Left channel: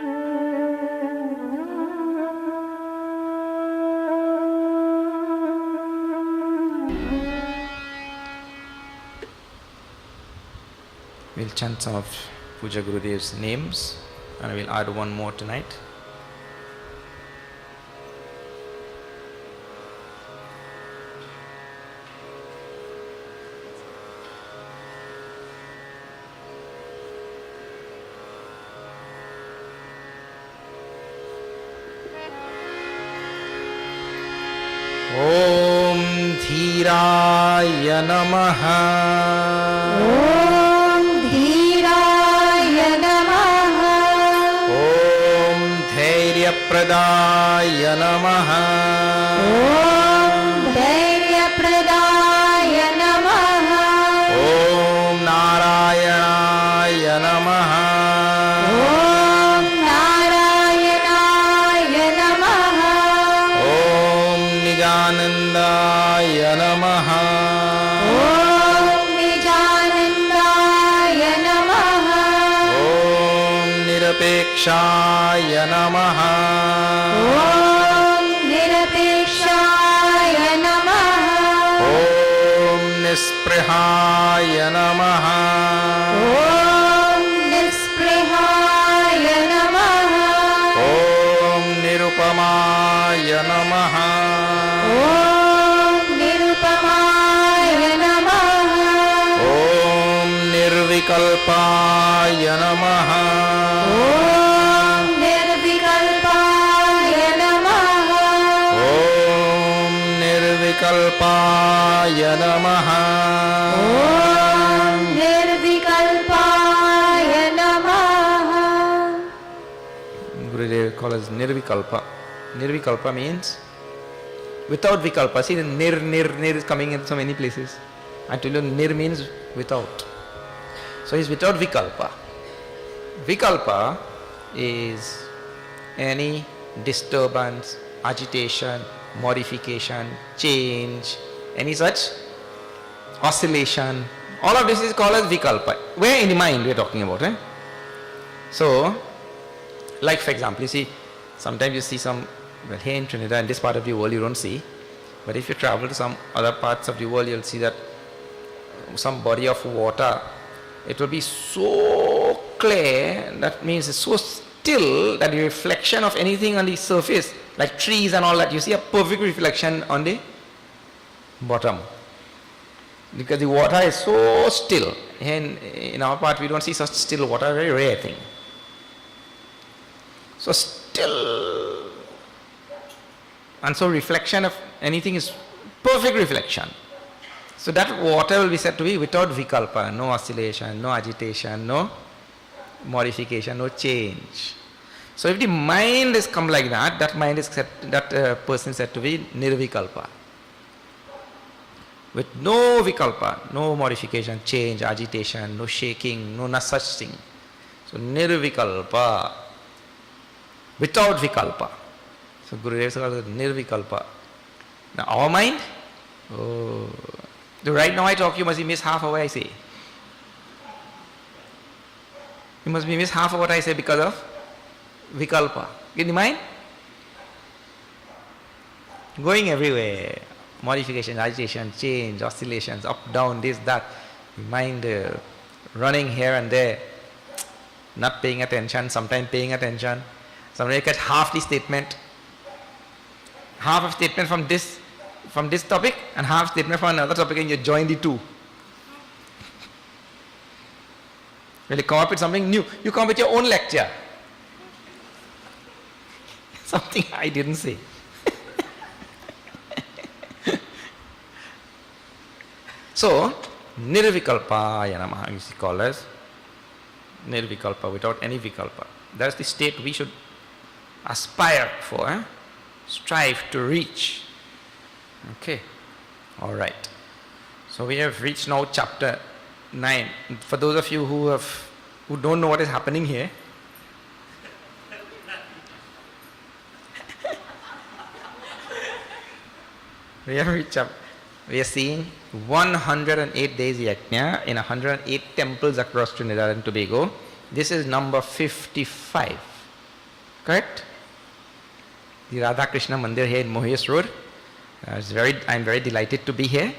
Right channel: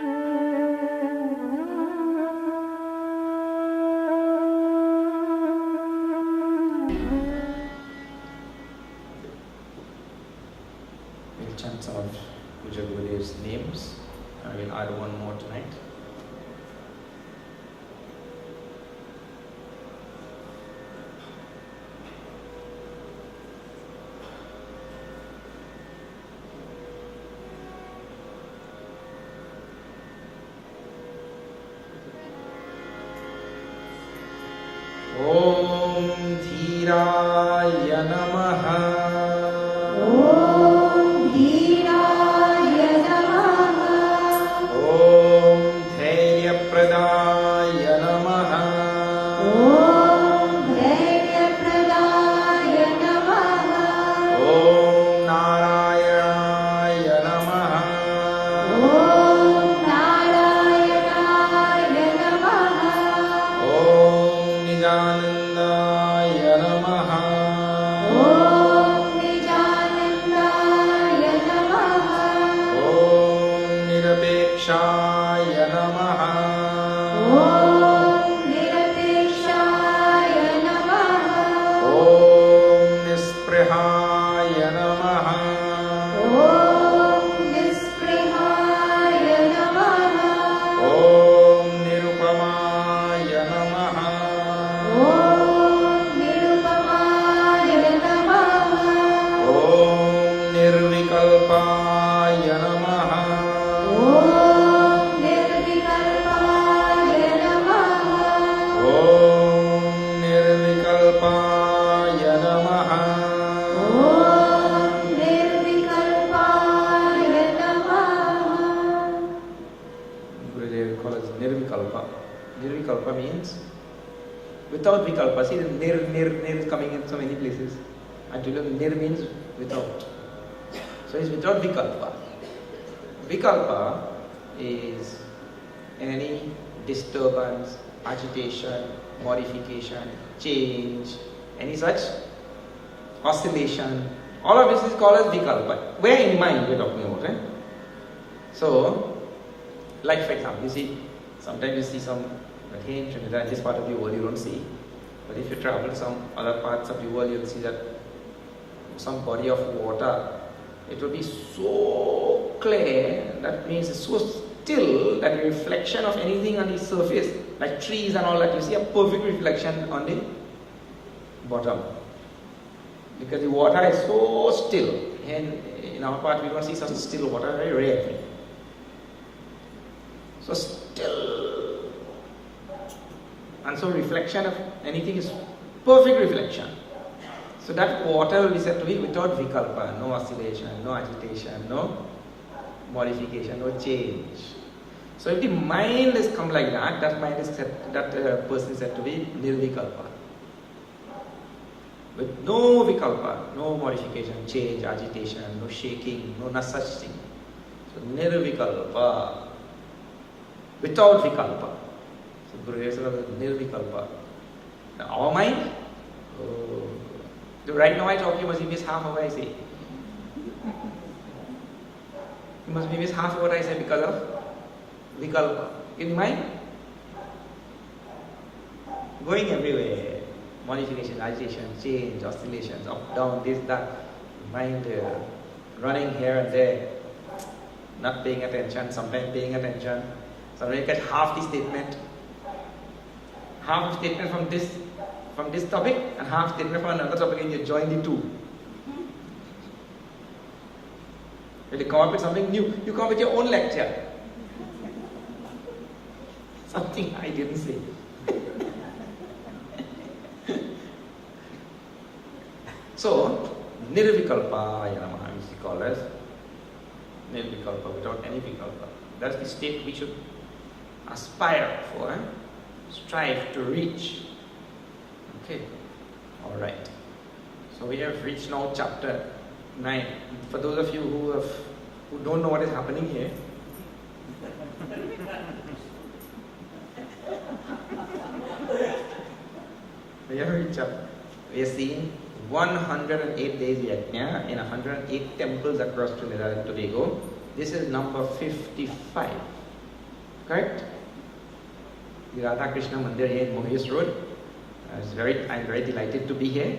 We'll chant some of Puja Gurudev's names and we'll add one more tonight. Om Dhiraya Namaha. Nirvikalpa means without vikalpa. See, the nir is coming in so many places. I tell you, nir means without. So he's without vikalpa. Vikalpa is any disturbance, agitation, modification, change, any such oscillation. All of this is called as vikalpa. Where in the mind we are talking about, right? So, like for example, you see, sometimes you see some, well, here in Trinidad, this part of the world you don't see, but if you travel to some other parts of the world, you'll see that some body of water, it will be so clear, that means it's so still that the reflection of anything on the surface, like trees and all that, you see a perfect reflection on the bottom. Because the water is so still. And in our part, we don't see such still water, very rare thing. So still. And so reflection of anything is perfect reflection. So that water will be said to be without vikalpa, no oscillation, no agitation, no modification, no change. So if the mind is come like that, that mind is said, that person is said to be nirvikalpa. With no vikalpa, no modification, change, agitation, no shaking, no such thing. So nirvikalpa, without vikalpa. So Gurudev says nirvikalpa. Now our mind, so right now I talk, you must miss half of what I say. You must miss half of what I say because of vikalpa. In the mind? Going everywhere. Modification, agitation, change, oscillations, up, down, this, that. Mind running here and there. Not paying attention, sometimes paying attention. Sometimes you catch half the statement. Half of statement from this topic and half statement from another topic, and you join the two. When you come up with something new, you come up with your own lecture. Something I didn't say. So, nirvikalpaya namaha is called as nirvikalpa, without any vikalpa. That's the state we should aspire for, strive to reach. Okay, all right. So we have reached now chapter 9. For those of you who don't know what is happening here, we are seeing 108 days yagna in 108 temples across Trinidad and Tobago. This is number 55. Correct? The Radha Krishna Mandir here in Mohius Road. I'm very delighted to be here.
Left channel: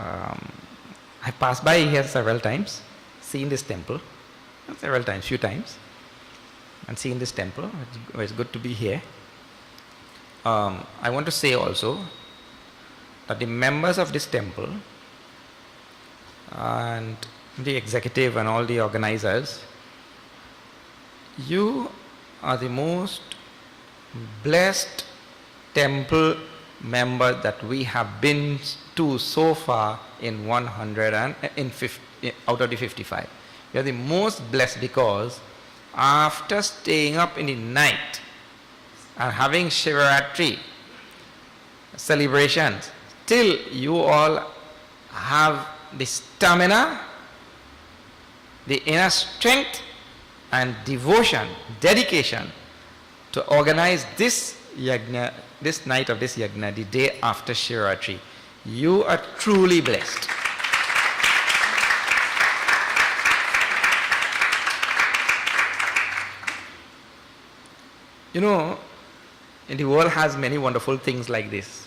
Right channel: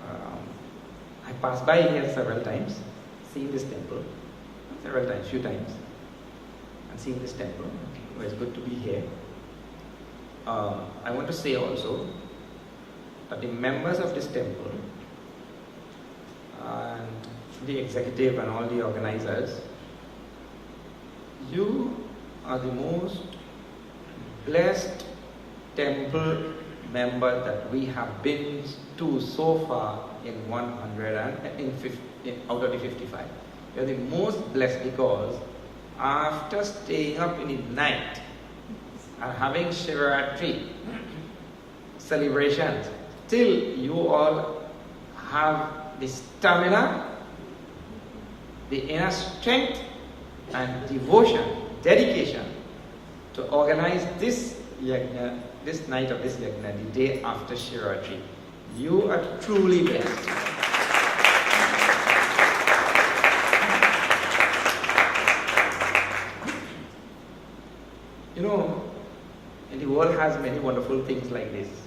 I passed by here several times, seen this temple, few times, and seen this temple. It's good to be here. I want to say also that the members of this temple and the executive and all the organizers, you are the most blessed temple member that we have been to so far in 150 out of the 55. You are the most blessed because after staying up in the night and having Shivaratri celebrations, till you all have the stamina, the inner strength and devotion, dedication to organize this yagna, this night of this yagna, the day after Shivaratri. You are truly blessed. You know, the world has many wonderful things like this.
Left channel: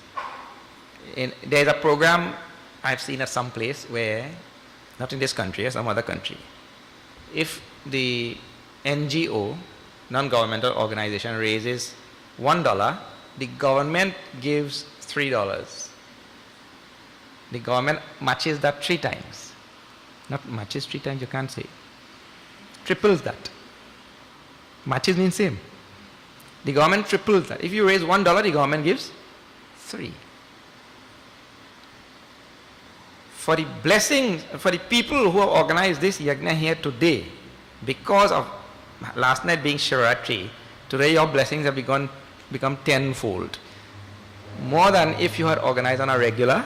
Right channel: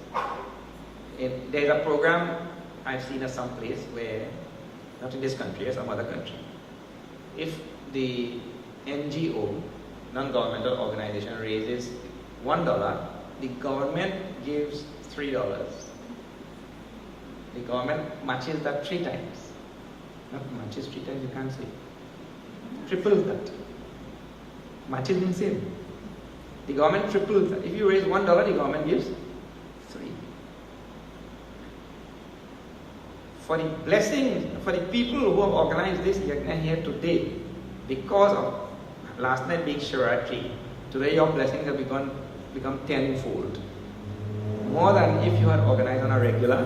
There's a program I've seen at some place where, not in this country, or some other country, if the NGO, non-governmental organization, raises $1, the government gives $3. The government matches that 3 times. Not matches 3 times, you can't say. Triples that. Matches means same. The government triples that. If you raise $1, the government gives 3. For the blessings, for the people who have organized this yagna here today, because of last night being Shivaratri, today your blessings have become tenfold. More than if you had organized on a regular,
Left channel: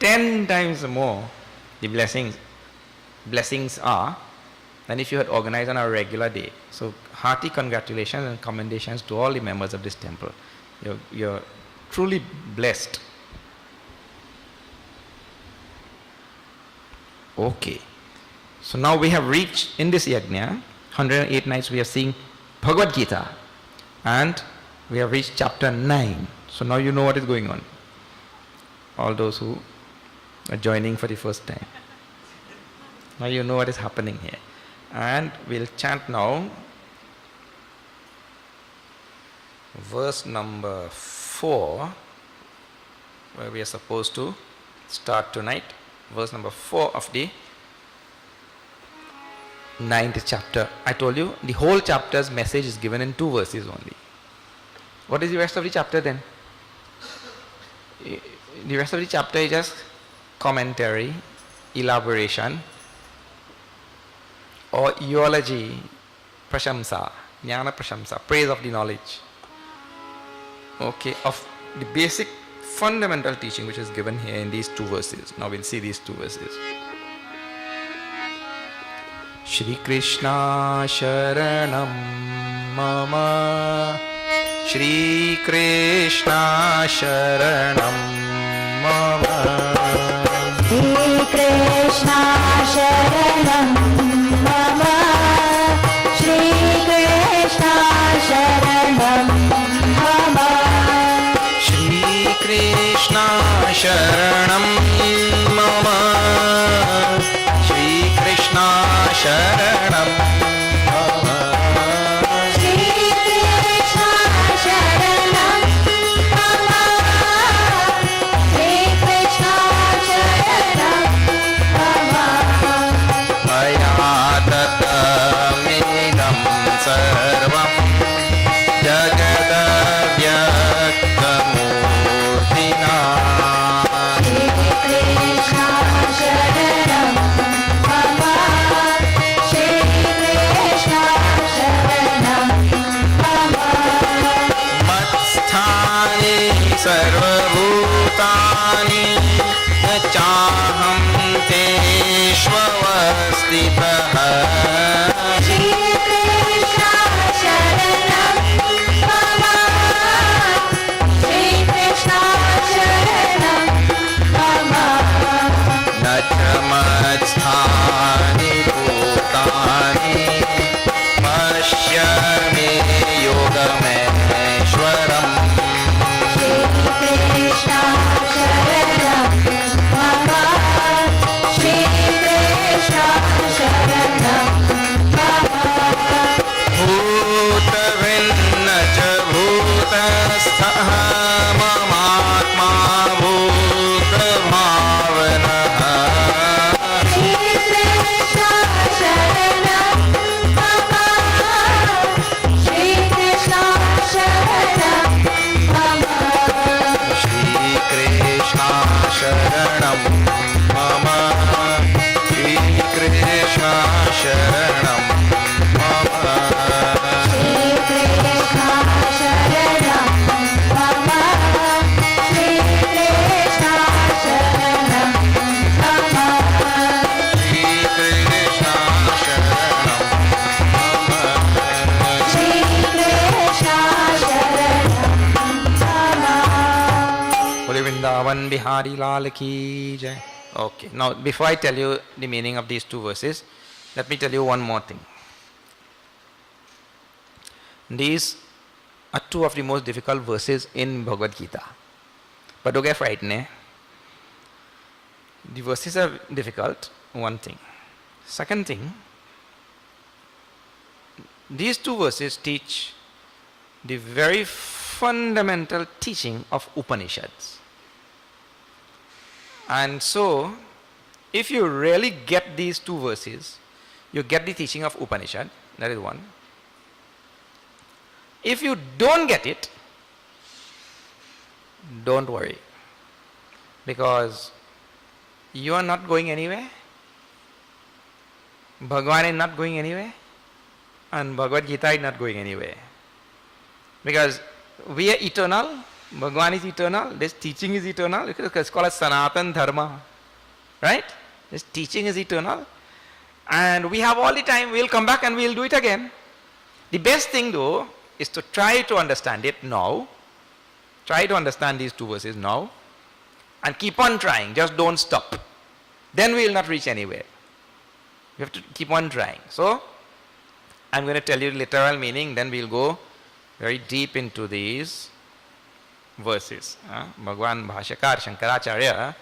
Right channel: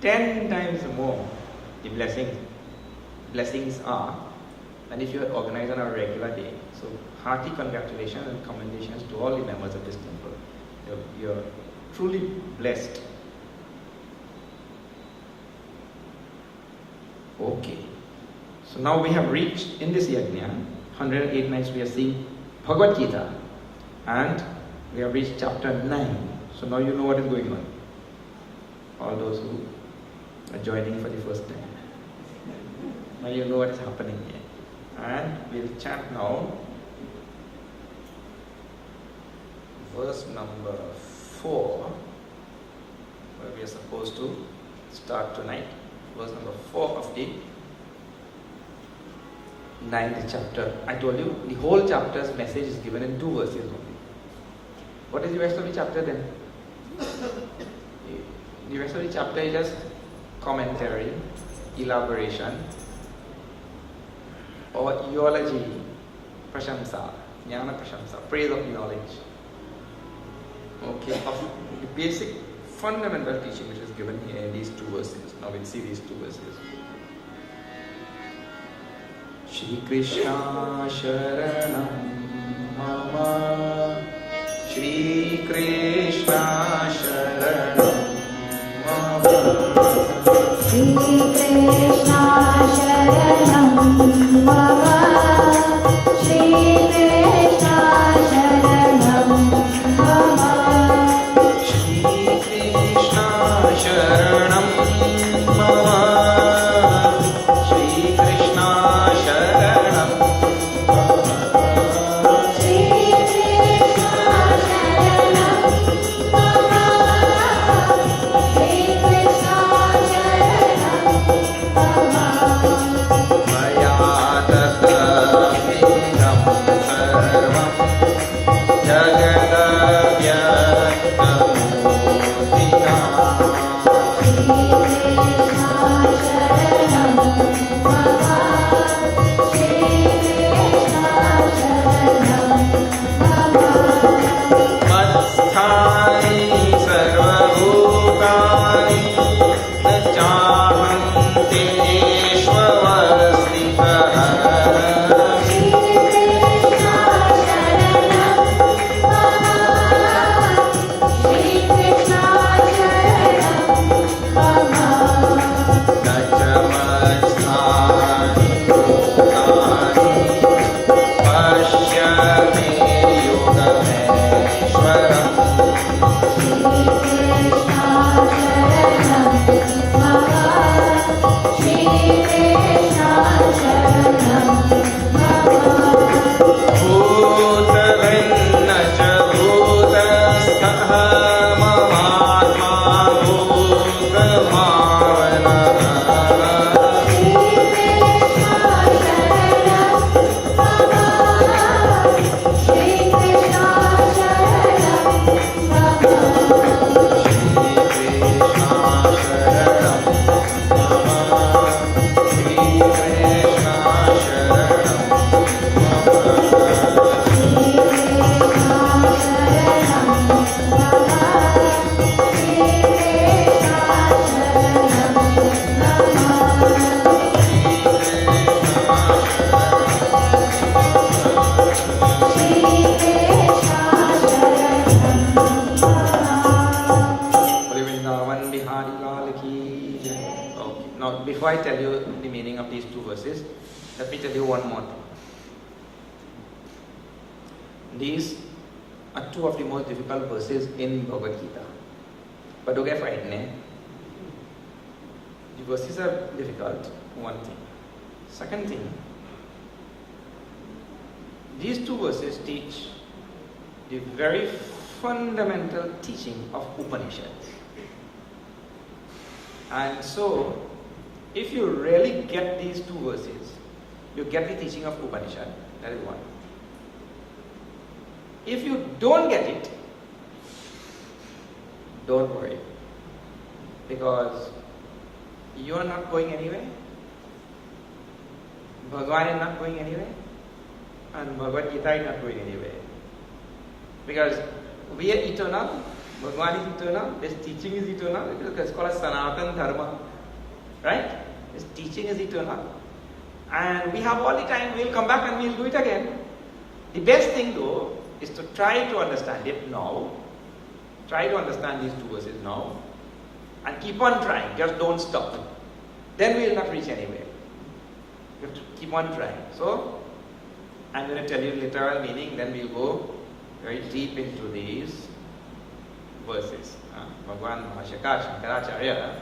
10 times more the blessings are than if you had organized on a regular day. So hearty congratulations and commendations to all the members of this temple. You're truly blessed. Okay. So now we have reached, in this yajna, 108 nights we are seeing Bhagavad Gita, and we have reached chapter 9. So now you know what is going on. All those who are joining for the first time. Now you know what is happening here. And we'll chant now verse number 4, where we are supposed to start tonight. Verse number 4 of the 9th chapter. I told you the whole chapter's message is given in 2 verses only. What is the rest of the chapter then? The rest of the chapter is just commentary, elaboration, or eulogy, prashamsa, jnana prashamsa, praise of the knowledge. Okay, of the basic fundamental teaching which is given here in these 2 verses. Now we'll see these 2 verses. Shri Krishna Sharanam Mama, Shri Krishna Sharanam Mama, Shri Krishna Sharanam Mama, Shri Krishna Sharanam Mama, Shri Krishna Sharanam Mama, Shri Krishna Sharanam Mama, Shri Krishna Sharanam Mama, Bihari Lal ki jai. Okay, now before I tell you the meaning of these two verses, let me tell you one more thing. These are two of the most difficult verses in Bhagavad Gita. But don't get frightened. The verses are difficult, one thing. Second thing, these two verses teach the very fundamental teaching of Upanishads. And so, if you really get these two verses, you get the teaching of Upanishad, that is one. If you don't get it, don't worry, because you are not going anywhere, Bhagavan is not going anywhere, and Bhagavad Gita is not going anywhere. Because we are eternal, Bhagavan is eternal, this teaching is eternal, it's called as Sanatan Dharma, right? This teaching is eternal, and we have all the time, we'll come back and we'll do it again. The best thing though is to try to understand it now, try to understand these two verses now, and keep on trying, just don't stop. Then we will not reach anywhere. You have to keep on trying. So, I'm going to tell you literal meaning, then we'll go very deep into these verses. Bhagwan Bhashakar Shankaracharya,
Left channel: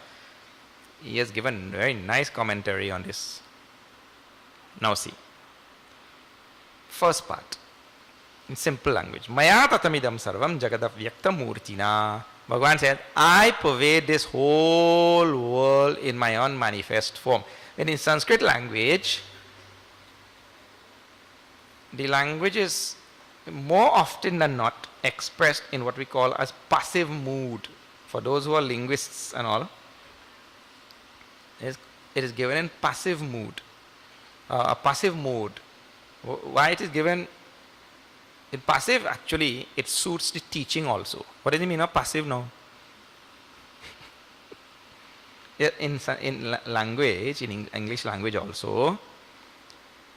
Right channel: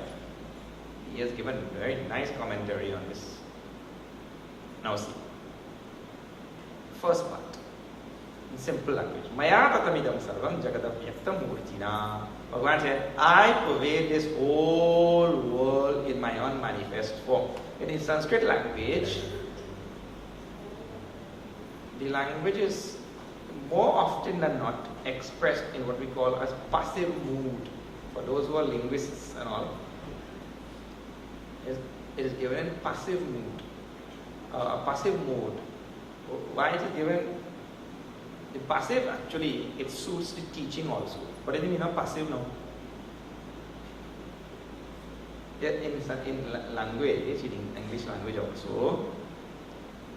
he has given very nice commentary on this. Now see, first part, in simple language. Maya tatamidam sarvam jagadavyakta murtina. Bhagavan said, I pervade this whole world in my unmanifest form. And in Sanskrit language, the language is more often than not expressed in what we call as passive mood. For those who are linguists and all, it is given in passive mood. A passive mode. Why it is given in passive? Actually, it suits the teaching also. What does it mean of passive now? In language, in English language also,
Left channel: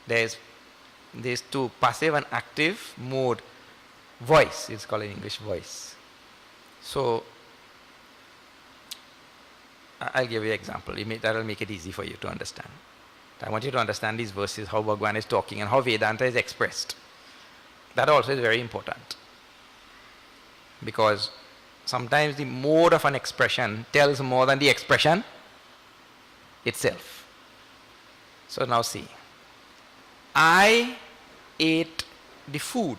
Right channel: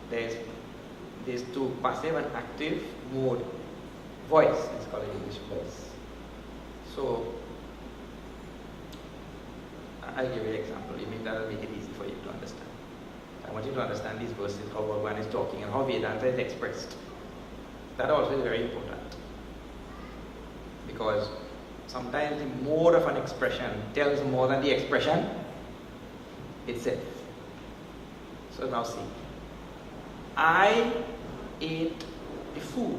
there's two, passive and active mode. Voice, it's called in English voice. So, I'll give you an example. That will make it easy for you to understand. I want you to understand these verses, how Bhagavan is talking and how Vedanta is expressed. That also is very important. Because sometimes the mode of an expression tells more than the expression itself. So now see. I ate the food.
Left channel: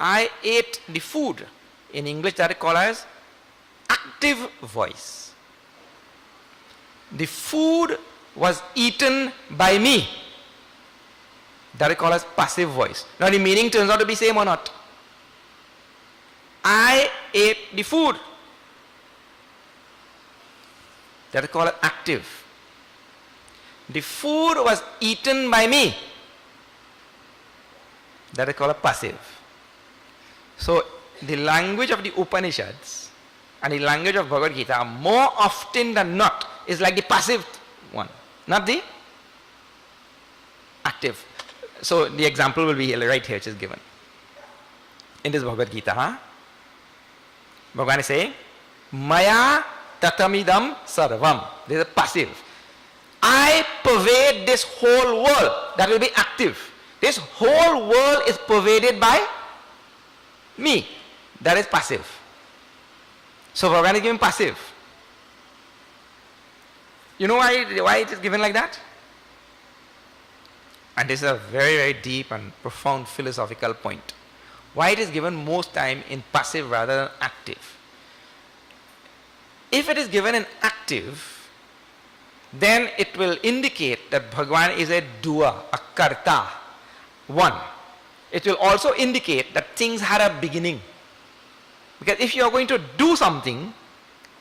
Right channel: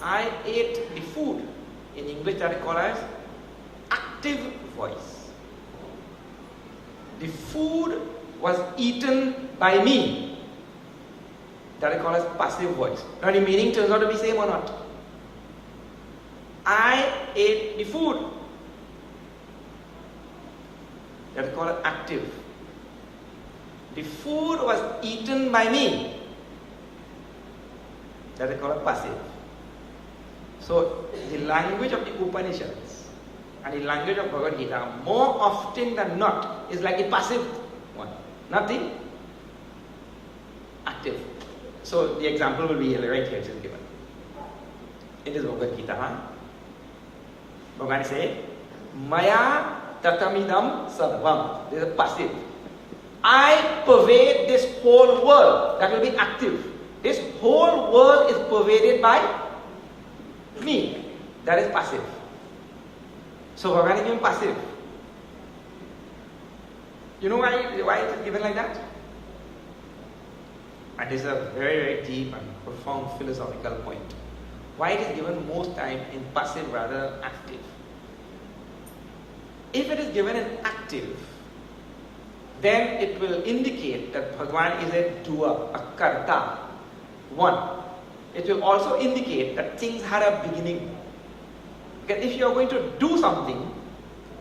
I ate the food. In English that is called as active voice. The food was eaten by me. That is called as passive voice. Now the meaning turns out to be same or not. I ate the food. That is called as active. The food was eaten by me. That is called as passive. So the language of the Upanishads and the language of Bhagavad Gita more often than not is like the passive one, not the active. So the example will be right here, just given. In this Bhagavad Gita, Bhagavan is saying, Maya tatamidam sarvam. This is passive. I pervade this whole world. That will be active. This whole world is pervaded by me. That is passive. So Bhagavan is given passive. You know why it is given like that? And this is a very, very deep and profound philosophical point. Why it is given most time in passive rather than active? If it is given in active, then it will indicate that Bhagavan is a doer, a karta, one. It will also indicate that things had a beginning. Because if you are going to do something,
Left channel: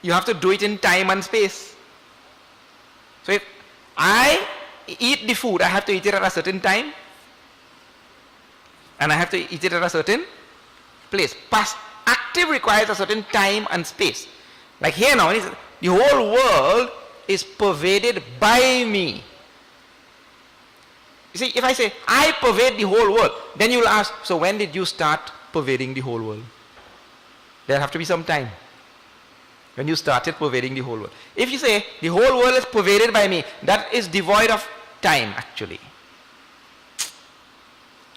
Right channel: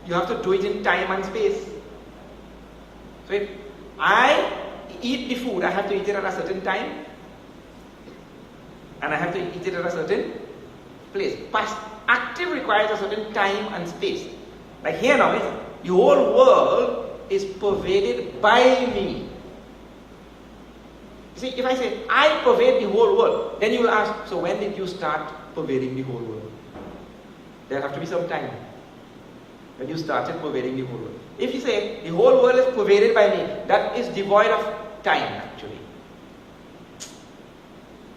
you have to do it in time and space. So if I eat the food, I have to eat it at a certain time, and I have to eat it at a certain place. Past active requires a certain time and space. Like here now, the whole world is pervaded by me. You see, if I say, I pervade the whole world, then you will ask, so when did you start pervading the whole world? There have to be some time. when you started pervading the whole world. If you say the whole world is pervaded by me, that is devoid of time actually.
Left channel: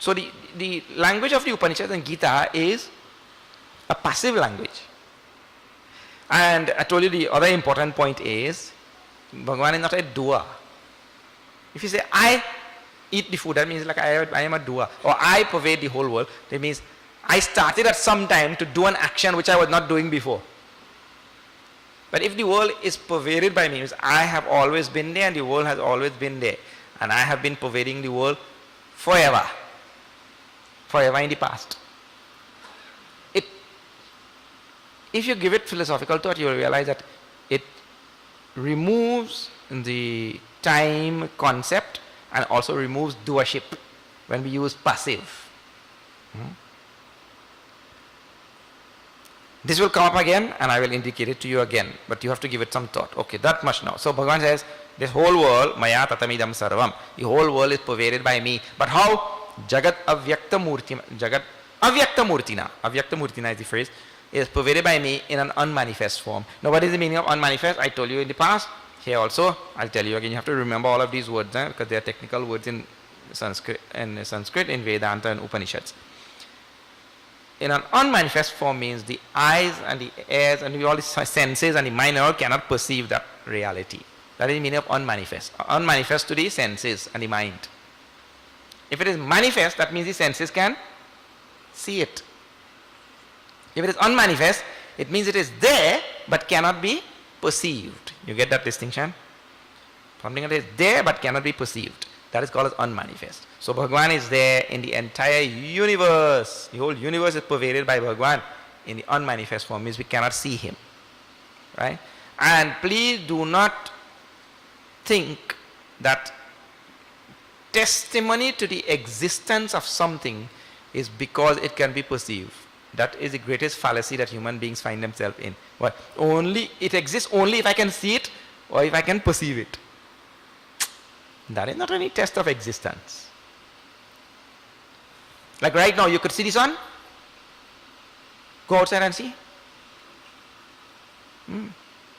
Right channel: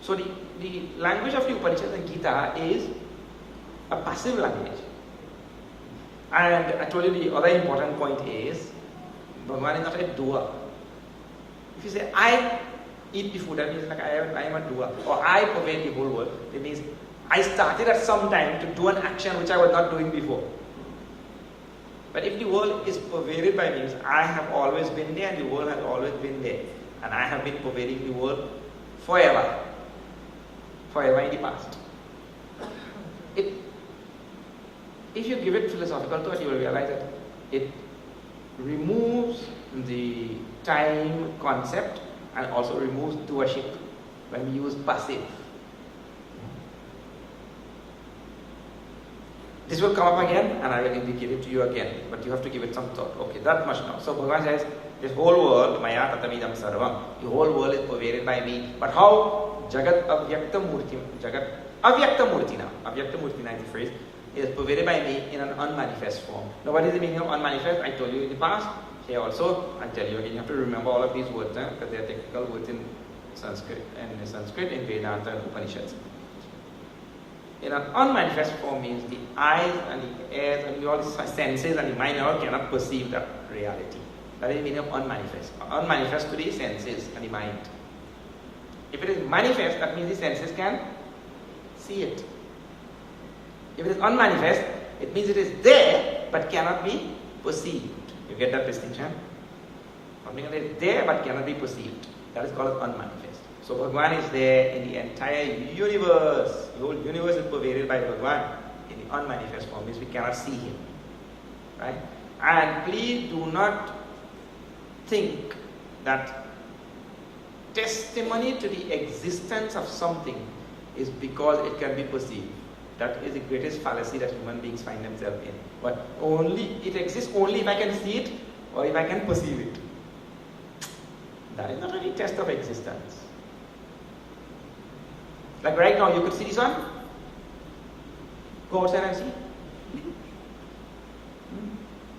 So the language of the Upanishads and Gita is a passive language. And I told you the other important point is, Bhagavan is not a doer. If you say, I eat the food, that means like I am a doer. Or I pervade the whole world, that means I started at some time to do an action which I was not doing before. But if the world is pervaded by me, means I have always been there and the world has always been there. And I have been pervading the world forever. Forever in the past. If you give it philosophical thought, you will realize that it removes the time concept and also removes doership when we use passive. This will come up again and I will indicate it to you again, but you have to give it some thought. Okay, that much now. So Bhagavan says, this whole world, maya tatamidam sarvam, the whole world is pervaded by me. But how? Jagat avyakta murtina. Jagat avyakta murtina. Avyakta murtina is the phrase. Is pervaded by me in an unmanifest form. Now what is the meaning of unmanifest? I told you in the past. Here also, I'll tell you again. You have to remember all of these words because they are technical words in Sanskrit, in Vedanta and Upanishads. In an unmanifest form means the eyes and the ears and all the senses and the mind all cannot perceive that reality. That is the meaning of unmanifest. Unmanifest to the senses and the mind. If it is manifest, that means the senses can see it. If it is unmanifest, it means it is there but cannot be perceived. You get that distinction? Something that is there but cannot be perceived. That is called as unmanifest. So Bhagavan is there in the entire universe. The whole universe is pervaded by Bhagavan in the unmanifest form, means we cannot see him. Right? And please do not think that testimony to the existence of something is because it can be perceived. That is the greatest fallacy that human beings find themselves in. What? Only it exists only if I can see it or if I can perceive it. That is not any test of existence. Like right now, you could see the sun. Go outside and see.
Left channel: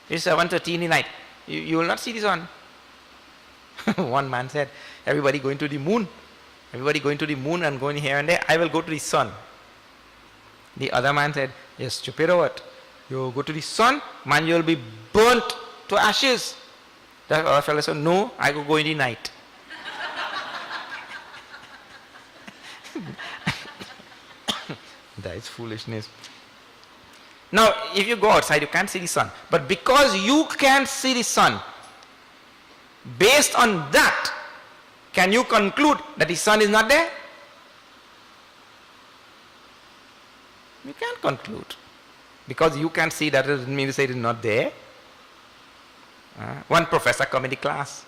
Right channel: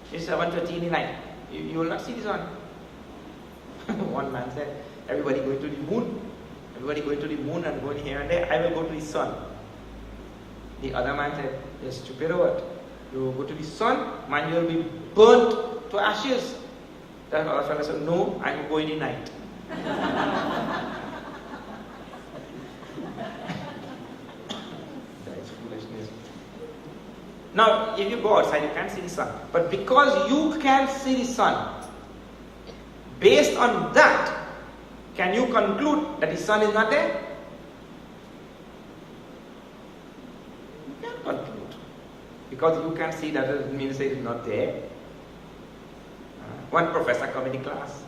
It's 7:30 in the night. You will not see the sun. One man said, everybody going to the moon. Everybody going to the moon and going here and there. I will go to the sun. The other man said, you're stupid or what? You go to the sun, man, you will be burnt to ashes. That other fellow said, no, I will go in the night. That is foolishness. Now, if you go outside, you can't see the sun. But because you can see the sun, based on that, can you conclude that the sun is not there? You can't conclude. Because you can see that doesn't mean to say it is not there. One professor come in the class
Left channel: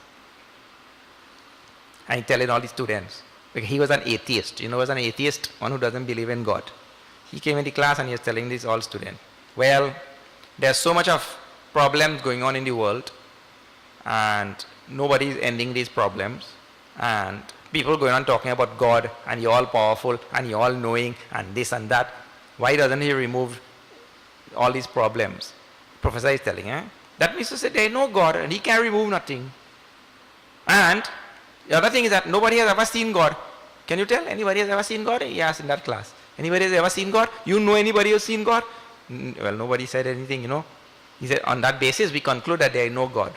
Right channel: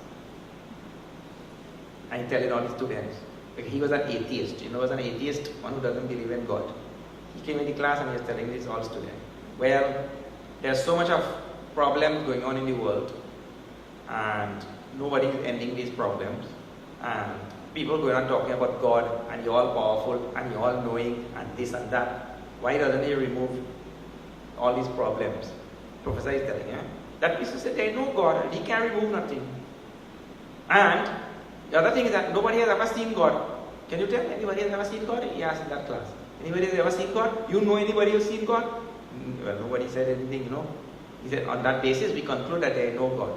and telling all the students, he was an atheist. You know, was an atheist, one who doesn't believe in God. He came in the class and he was telling this all students. Well, there's so much of problems going on in the world and nobody is ending these problems, and people going on talking about God and you're all powerful and you're all knowing and this and that. Why doesn't he remove all these problems? Professor is telling, that means to say there is no God and he can remove nothing. And the other thing is that nobody has ever seen God. Can you tell anybody has ever seen God? He asked in that class. Anybody has ever seen God? You know anybody who's seen God? Well, nobody said anything, He said, on that basis we conclude that there is no God.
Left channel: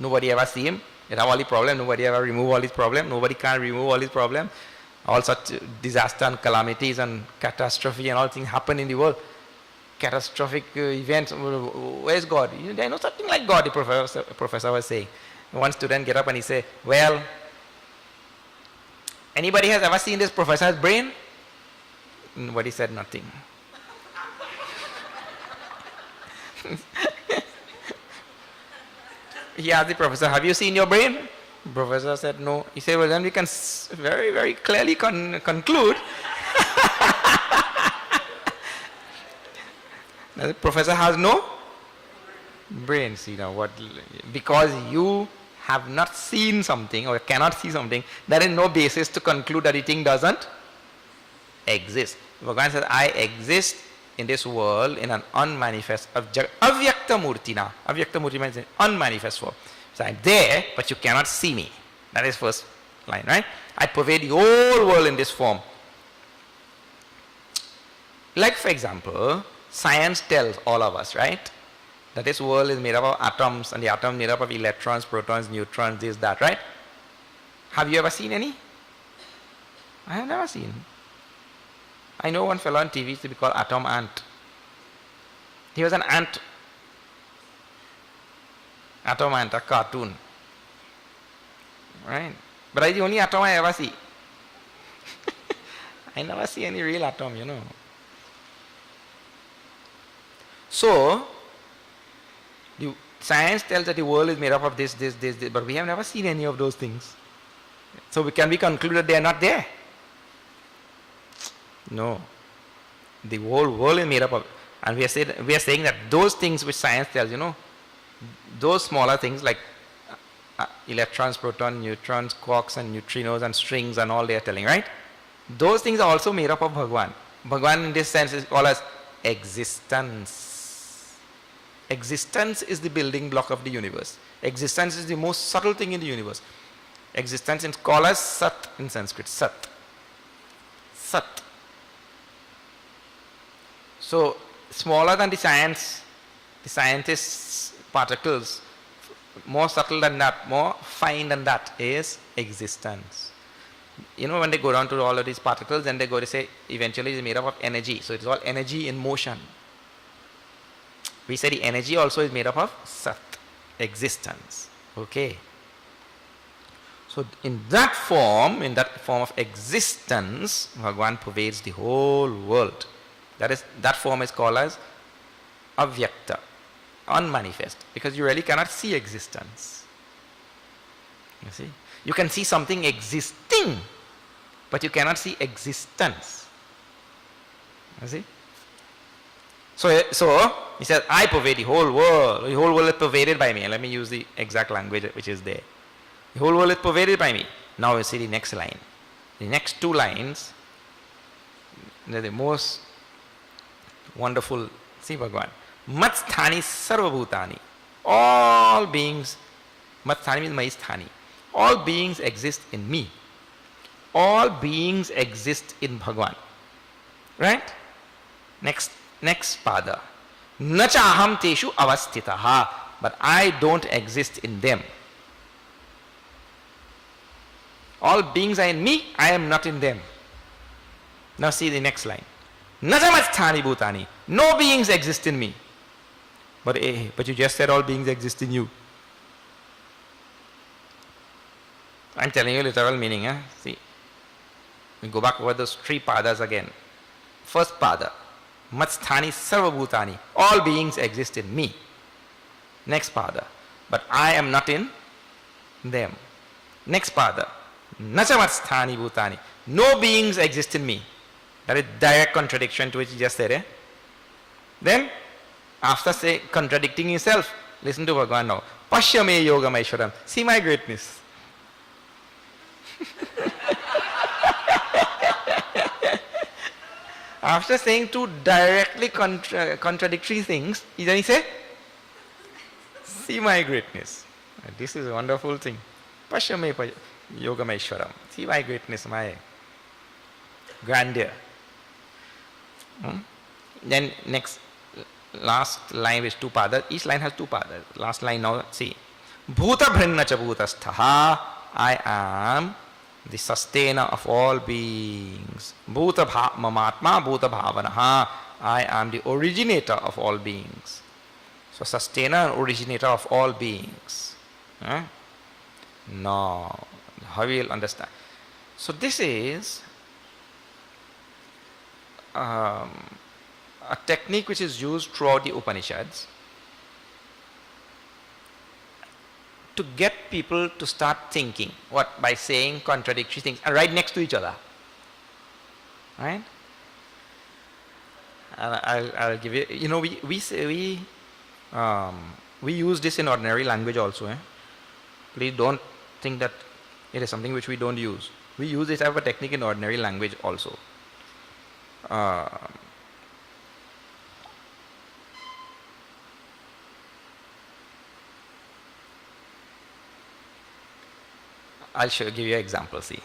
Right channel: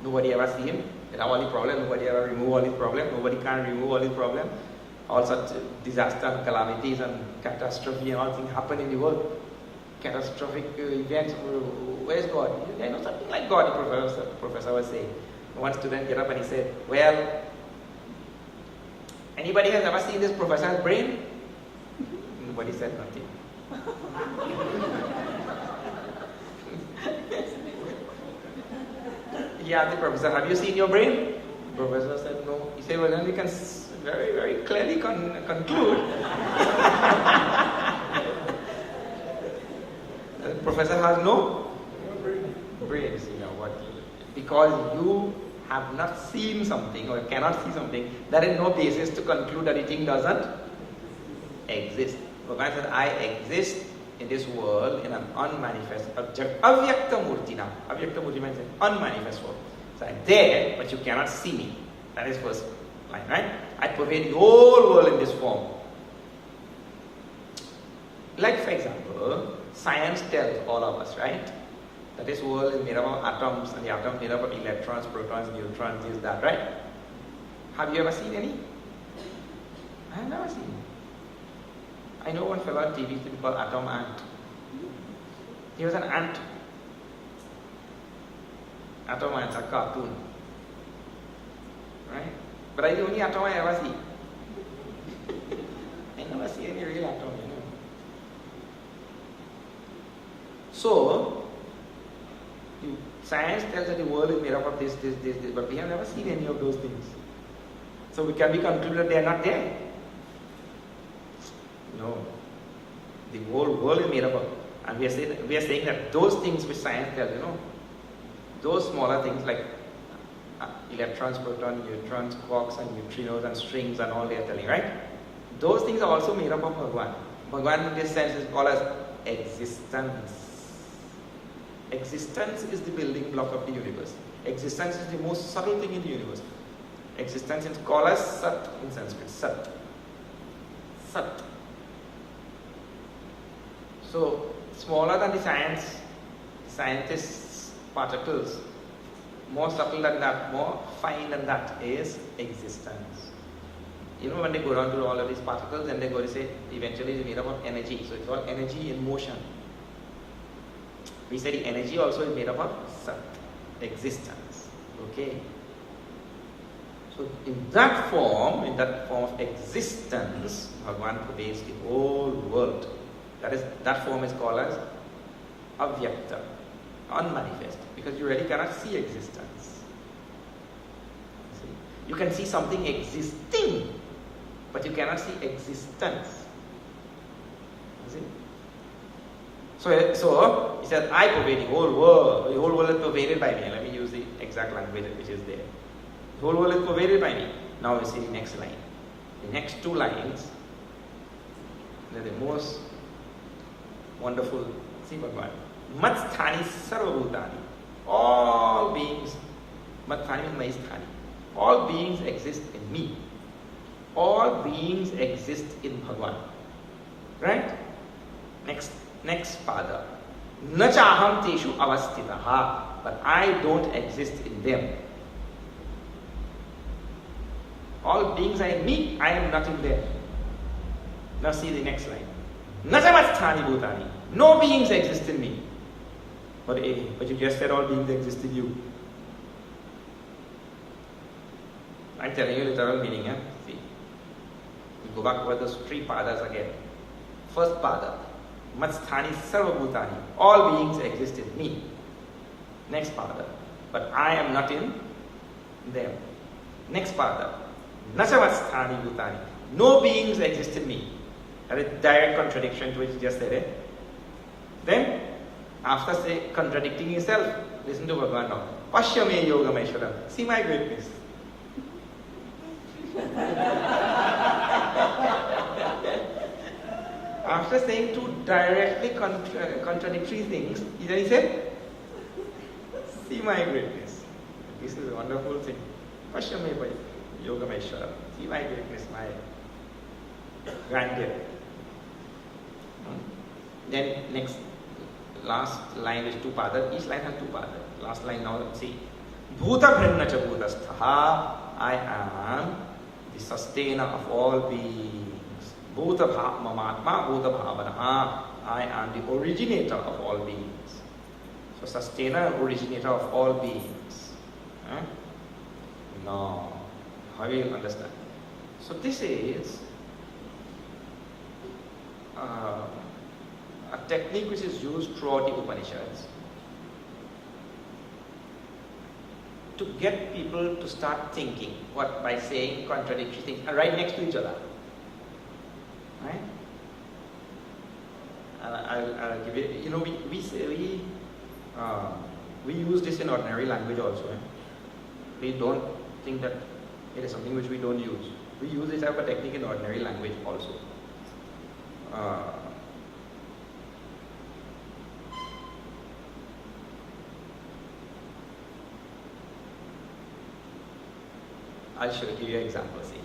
Nobody ever see him. They have all the problems. Nobody ever remove all his problems. Nobody can remove all his problems. All such disaster and calamities and catastrophe and all things happen in the world. Catastrophic events. Where's God? There is no something like God, the professor was saying. One student get up and he said, well, anybody has ever seen this professor's brain? Nobody said nothing. He asked the professor, have you seen your brain? The professor said no. He said, well, then we can very, very clearly conclude the professor has no brain. See now what? Because you have not seen something or cannot see something, there is no basis to conclude that the thing doesn't exist. Bhagavan says, I exist in this world in an unmanifest, avyakta murtina. Avyakta murti means unmanifest form. So I'm there, but you cannot see me. That is first line, right? I pervade the whole world in this form. Like for example, science tells all of us, right? That this world is made up of atoms, and the atom is made up of electrons, protons, neutrons, this, that, right? Have you ever seen any? I have never seen. I know one fellow on TV used to be called Atom Ant. He was an ant. Atom Ant, a cartoon. Right? But that's the only atom I ever see. I never see any real atom, you know. So, the science tells that the world is made up of this, but we have never seen any of those things. So we can be concluded they are not there. No. The whole world is made up of, and we are saying that those things which science tells, you know, those smaller things like electrons, protons, neutrons, quarks and neutrinos and strings and all they are telling, right? Those things are also made up of Bhagwan. Bhagwan in this sense is called as existence. Existence is the building block of the universe. Existence is the most subtle thing in the universe. Existence is called as Sat in Sanskrit. Sat. Sat. So, smaller than the scientists' particles, more subtle than that, more fine than that is existence. You know, when they go down to all of these particles, then they go to say, eventually it's made up of energy. So it's all energy in motion. We say the energy also is made up of Sat, existence. Okay. So in that form of existence, Bhagwan pervades the whole world. That form is called as avyakta, unmanifest, because you really cannot see existence. You see? You can see something existing, but you cannot see existence. You see? So he said, I pervade the whole world. The whole world is pervaded by me. Let me use the exact language which is there. The whole world is pervaded by me. Now we see the next line. The next two lines, they're the most wonderful. See Bhagavan. Matsthani sarvabhutani. All beings, Matsthani means Maisthani. All beings exist in me. All beings exist in Bhagavan. Right? Next pada. Nacha aham teshu avastitaha. But I don't exist in them. All beings are in me, I am not in them. Now see the next line. Najamasthani bhutani. No beings exist in me. But you just said all beings exist in you. I'm telling you literal meaning. See. We go back over those three padas again. First pada. Matsthani sarvabhutani. All beings exist in me. Next pada. But I am not in them. Next pada. Nachamasthani bhutani. No beings exist in me. That is direct contradiction to what you just said. Then, after contradicting yourself, listen to Bhagavan now. Pashyame yogam aishwaram. See my greatness. After saying two directly contradictory things, then he said, see my greatness. This is a wonderful thing. Pashyame yogam aishwaram. See my greatness, my grandeur. Then last line is two padas. Each line has two padas. Last line now, see. Bhuta bhrinna cha bhutasthaha. I am the sustainer of all beings. Bhuta mamatma bhuta bhavanaha. I am the originator of all beings. So sustainer and originator of all beings. Now, how will you understand? So this is a technique which is used throughout the Upanishads to get people to start thinking. What? By saying contradictory things and right next to each other. Right? And I'll give you. You know, we use this in ordinary language also. Please don't think that it is something which we don't use. We use this as a technique in ordinary language also. I'll give you an example, see.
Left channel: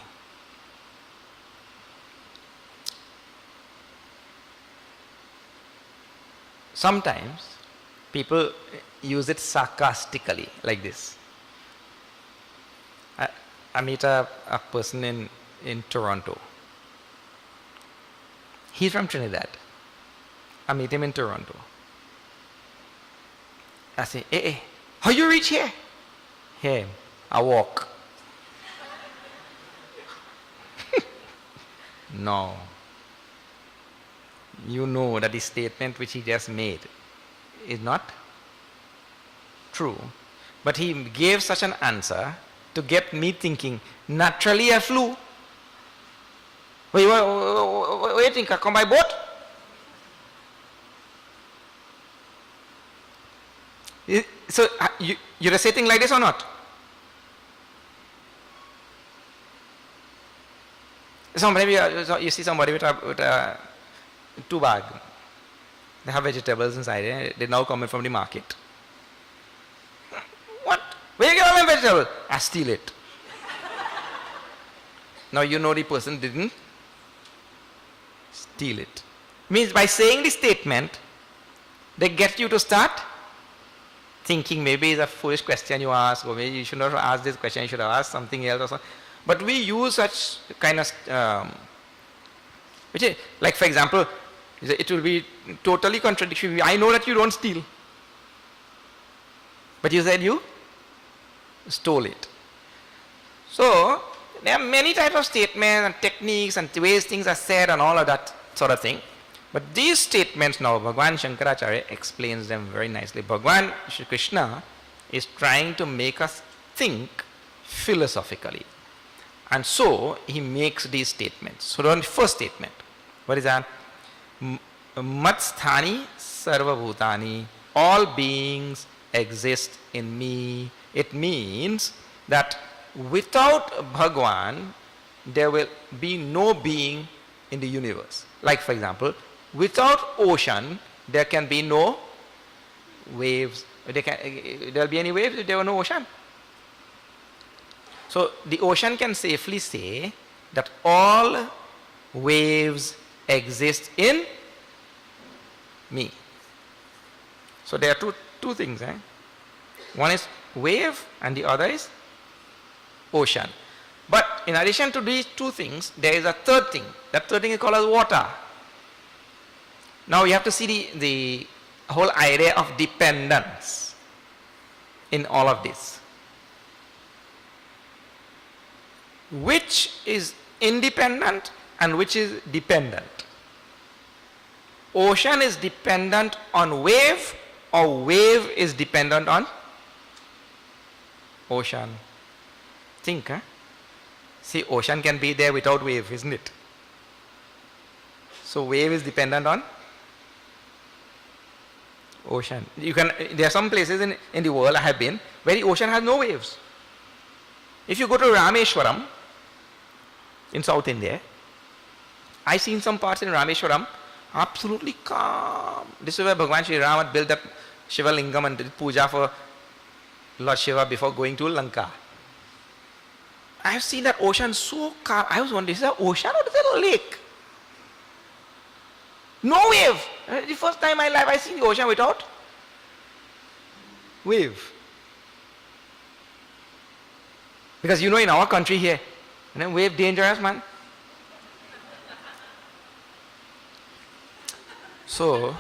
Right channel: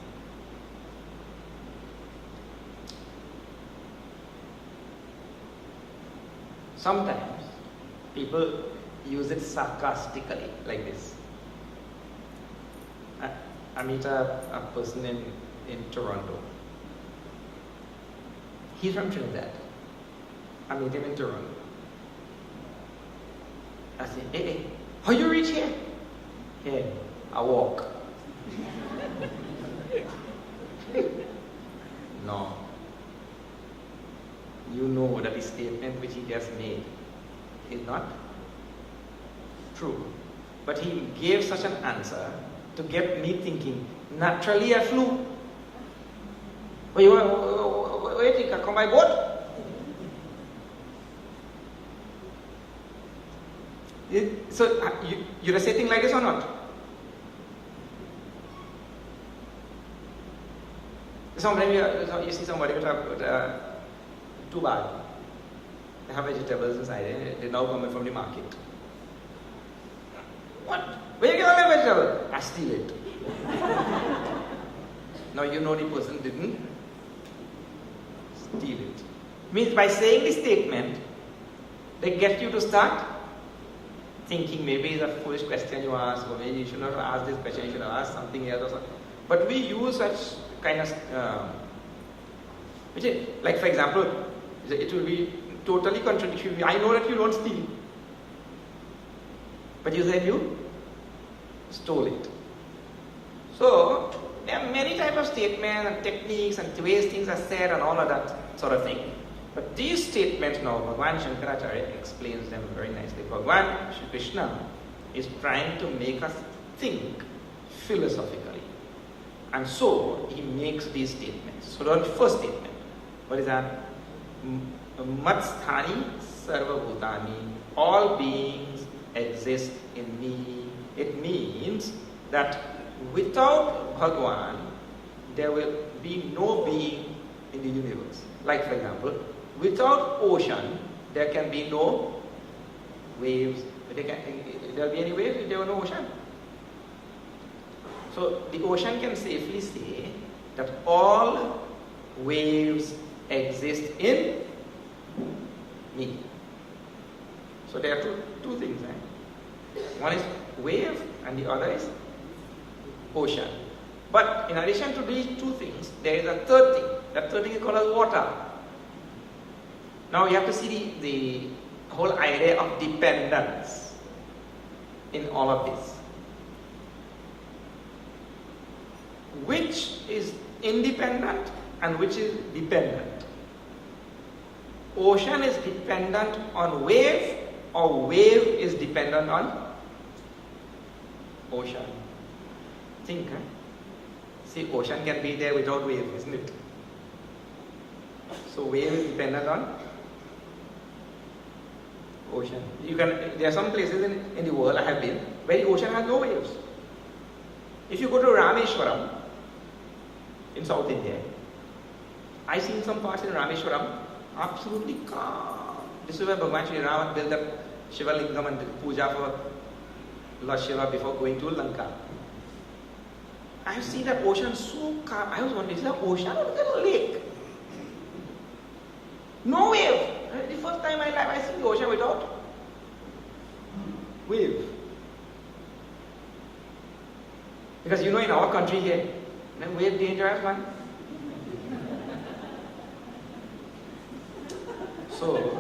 Sometimes people use it sarcastically, like this. I meet a person in Toronto. He's from Trinidad. I meet him in Toronto. I say, hey, how you reach here? Here, I walk. No. You know that the statement which he just made is not true. But he gave such an answer to get me thinking, naturally I flew. Wait, what do you think? I come by boat? So, you're saying like this or not? You see somebody with a Tobago. They have vegetables inside. They now coming from the market. What? Where you get all my vegetable? I steal it. Now you know the person didn't steal it. Means by saying the statement, they get you to start thinking maybe it's a foolish question you ask, or maybe you should not have asked this question, you should have asked something else or something. But we use such kind of, which is, like for example, it will be totally contradictory. I know that you don't steal, but you said you stole it. So there are many types of statements and techniques and ways things are said and all of that sort of thing. But these statements now, Bhagavan Shankaracharya explains them very nicely. Bhagavan Shri Krishna is trying to make us think philosophically. And so he makes these statements. So on the first statement, what is that? Matsthani sarva bhutani, all beings exist in me. It means that without Bhagavan, there will be no being in the universe. Like for example, without ocean, there can be no waves. There will be any waves if there were no ocean. So the ocean can safely say that all waves exist in me. So there are two things. One is wave and the other is ocean. But in addition to these two things, there is a third thing. That third thing is called as water. Now you have to see the whole idea of dependence in all of this. Which is independent and which is dependent? Ocean is dependent on wave, or wave is dependent on ocean? Think, huh? See, ocean can be there without wave, isn't it? So wave is dependent on ocean. There are some places in the world I have been where the ocean has no waves. If you go to Rameshwaram in South India, I've seen some parts in Rameshwaram absolutely calm. This is where Bhagavan Sri Ram built that Shiva Lingam and did puja for Lord Shiva before going to Lanka. I have seen that ocean so calm. I was wondering, is that ocean or is that a lake? No wave. The first time in my life I see the ocean without wave. Because you know, in our country here, wave dangerous, man. So,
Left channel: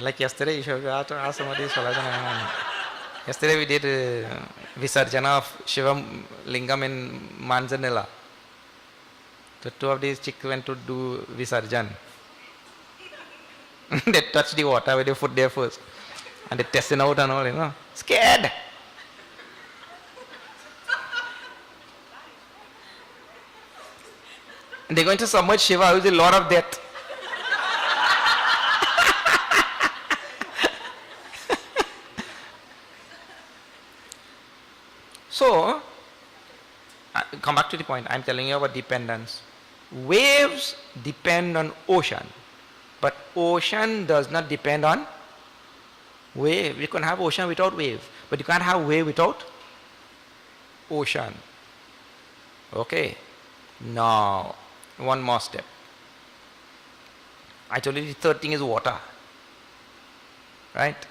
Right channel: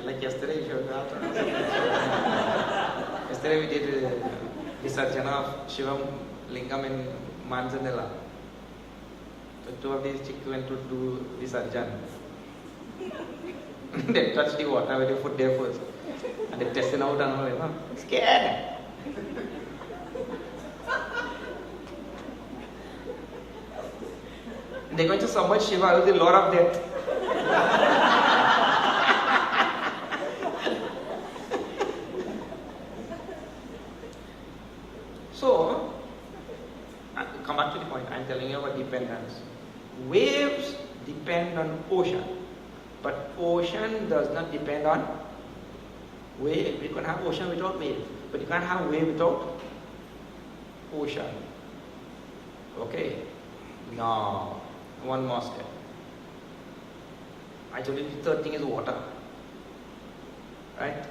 like yesterday, you should have asked somebody. Yesterday we did Visarjana of Shiva Lingam in Manzanilla. So two of these chicks went to do Visarjan. They touched the water with their foot there first. And they tested out and all, Scared. And they're going to submerge Shiva with a lot of death. So, come back to the point. I'm telling you about dependence. Waves depend on ocean, but ocean does not depend on wave. You can have ocean without wave, but you can't have wave without ocean. Okay. Now, one more step. I told you the third thing is water. Right?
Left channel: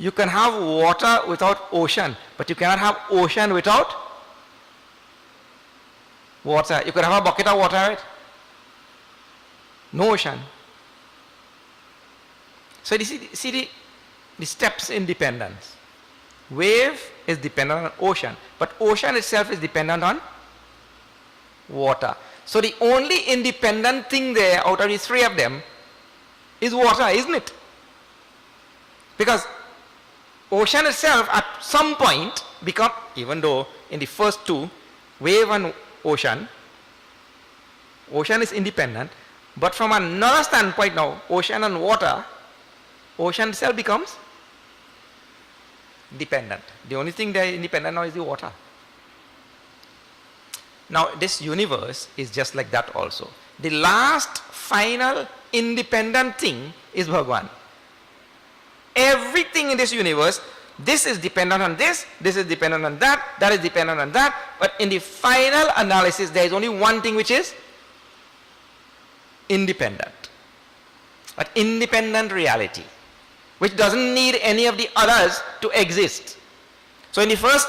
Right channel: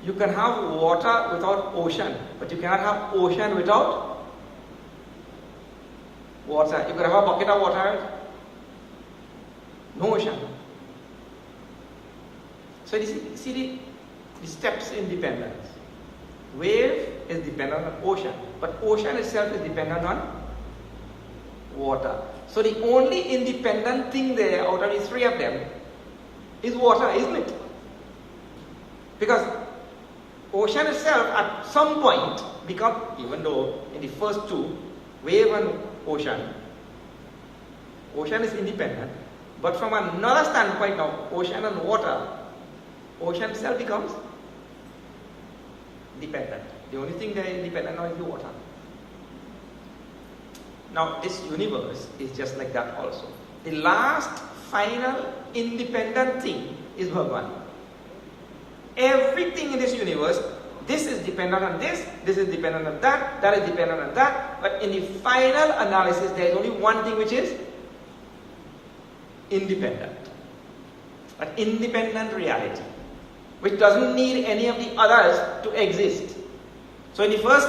You can have water without ocean, but you cannot have ocean without water. You can have a bucket of water, right? No ocean. So you see the steps in dependence. Wave is dependent on ocean, but ocean itself is dependent on water. So the only independent thing there out of the three of them is water, isn't it? Because ocean itself at some point become, even though in the first two, wave and ocean is independent, but from another standpoint now, ocean and water, ocean itself becomes dependent. The only thing that is independent now is the water. Now this universe is just like that also. The last final independent thing is Bhagwan. Everything in this universe, this is dependent on this is dependent on that is dependent on that, but in the final analysis there is only one thing which is independent. An independent reality, which doesn't need any of the others to exist. So in the first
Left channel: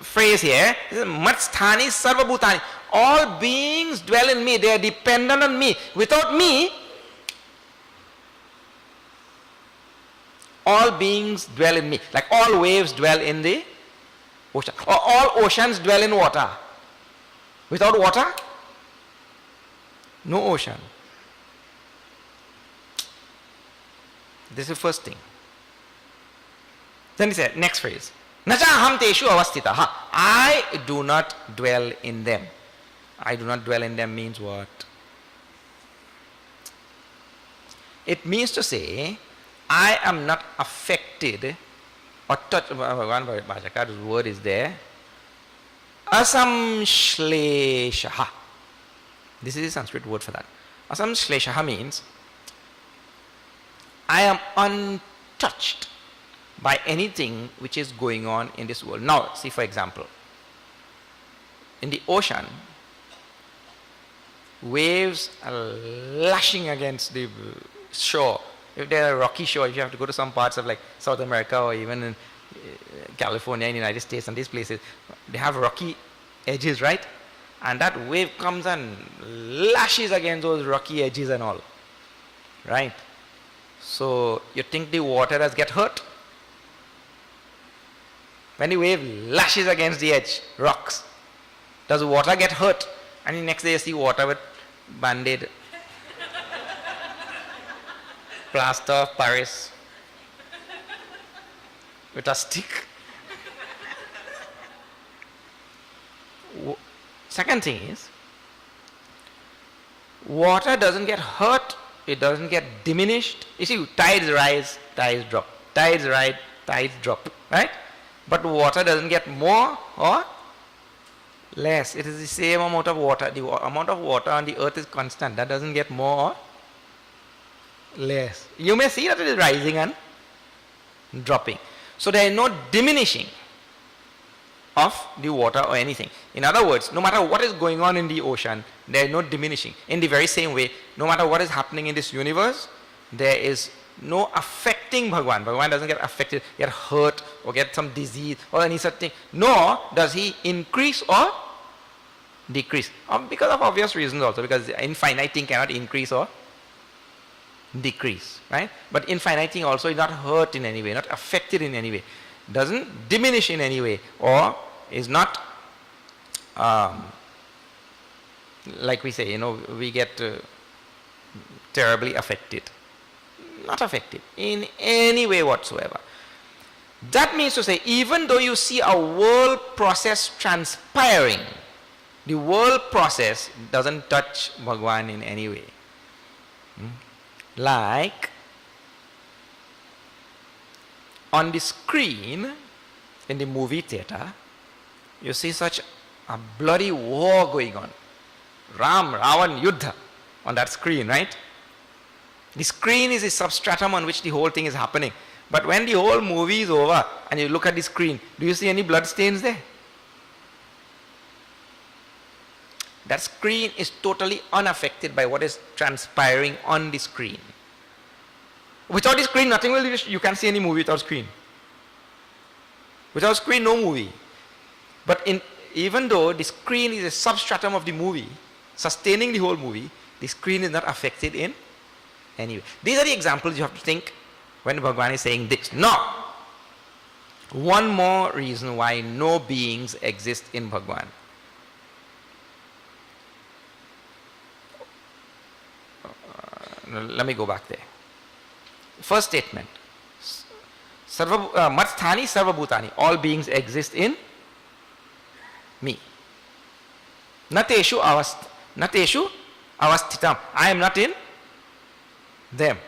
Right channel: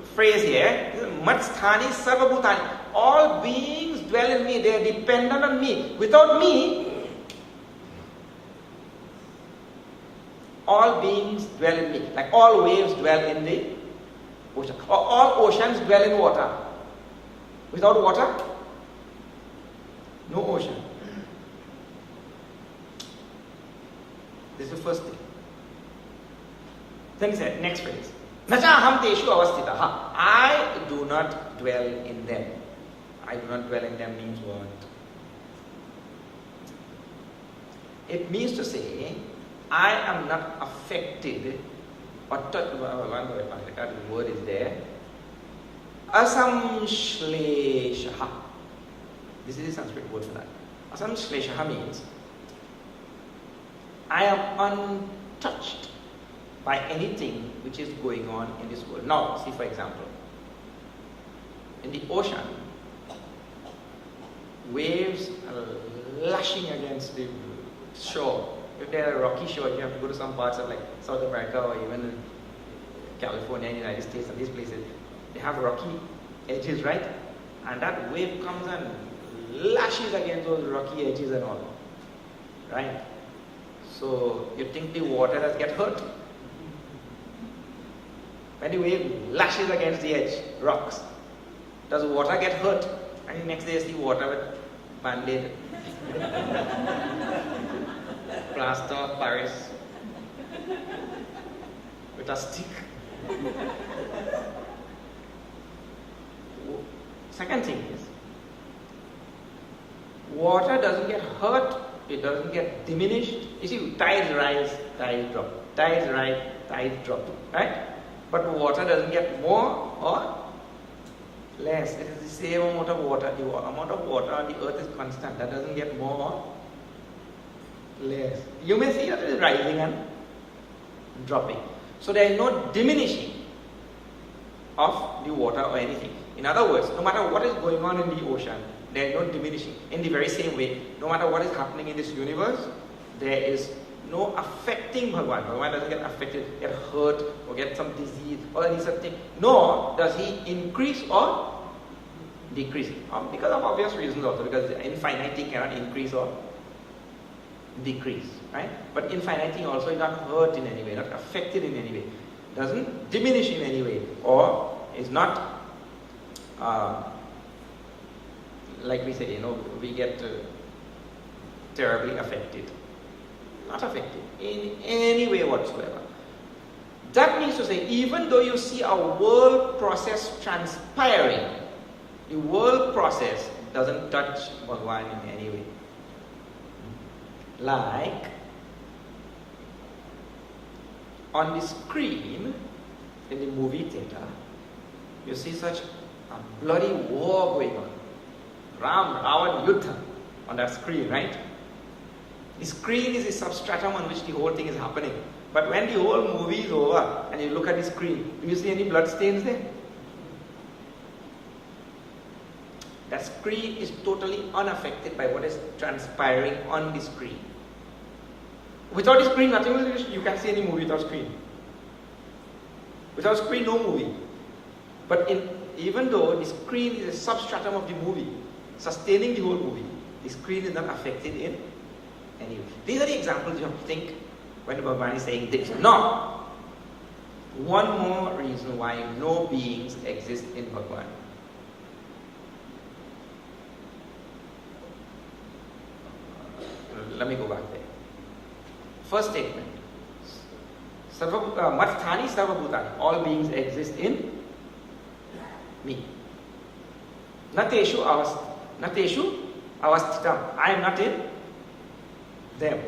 phrase here, Matsthani Sarva Bhutani, all beings dwell in me, they are dependent on me. Without me, all beings dwell in me. Like all waves dwell in the ocean. Or all oceans dwell in water. Without water, no ocean. This is the first thing. Then he said, next phrase. Naja aham teshu avastitaha. I do not dwell in them. I do not dwell in them means what? It means to say, I am not affected or touched. Bhagavad word is there. Asamshleshaha. This is a Sanskrit word for that. Asamshleshaha means I am untouched by anything which is going on in this world. Now, see for example, in the ocean, waves are lashing against the shore. If they are a rocky shore, if you have to go to some parts of like South America or even in California in the United States and these places, they have rocky edges, right? And that wave comes and lashes against those rocky edges and all, right? So you think the water does get hurt? When the wave lashes against the edge, rocks, does water get hurt? And the next day you see water with band-aid, plaster of Paris, with a stick. Second thing is, water doesn't get hurt, it doesn't get diminished. You see, tides rise, tides drop. Tides rise, tides drop, right? But water doesn't get more or less. It is the same amount of water. The amount of water on the earth is constant. That doesn't get more or less. You may see that it is rising and dropping. So there is no diminishing of the water or anything. In other words, no matter what is going on in the ocean, there is no diminishing. In the very same way, no matter what is happening in this universe, there is no affecting Bhagwan. Bhagwan doesn't get affected, get hurt, or get some disease or any such thing. Nor does he increase or decrease. Because of obvious reasons also, because infinite thing cannot increase or decrease, right? But infinite thing also is not hurt in any way, not affected in any way, doesn't diminish in any way, or is not like we say, we get terribly affected. Not affected in any way whatsoever. That means to say, even though you see a world process transpiring, the world process doesn't touch Bhagwan in any way. Like on the screen in the movie theater, you see such a bloody war going on. Ram, Ravan, Yuddha on that screen, right? The screen is a substratum on which the whole thing is happening. But when the whole movie is over and you look at the screen, do you see any blood stains there? That screen is totally unaffected by what is transpiring on the screen. Without the screen, nothing will, you can't see any movie without screen. Without screen, no movie. But even though the screen is a substratum of the movie, sustaining the whole movie, the screen is not affected in any way. These are the examples you have to think when Bhagavan is saying this. Now, one more reason why no beings exist in Bhagavan. Let me go back there. First statement. Matsthani sarva bhutani. All beings exist in me. Nateshu avasthitam. I am not in them.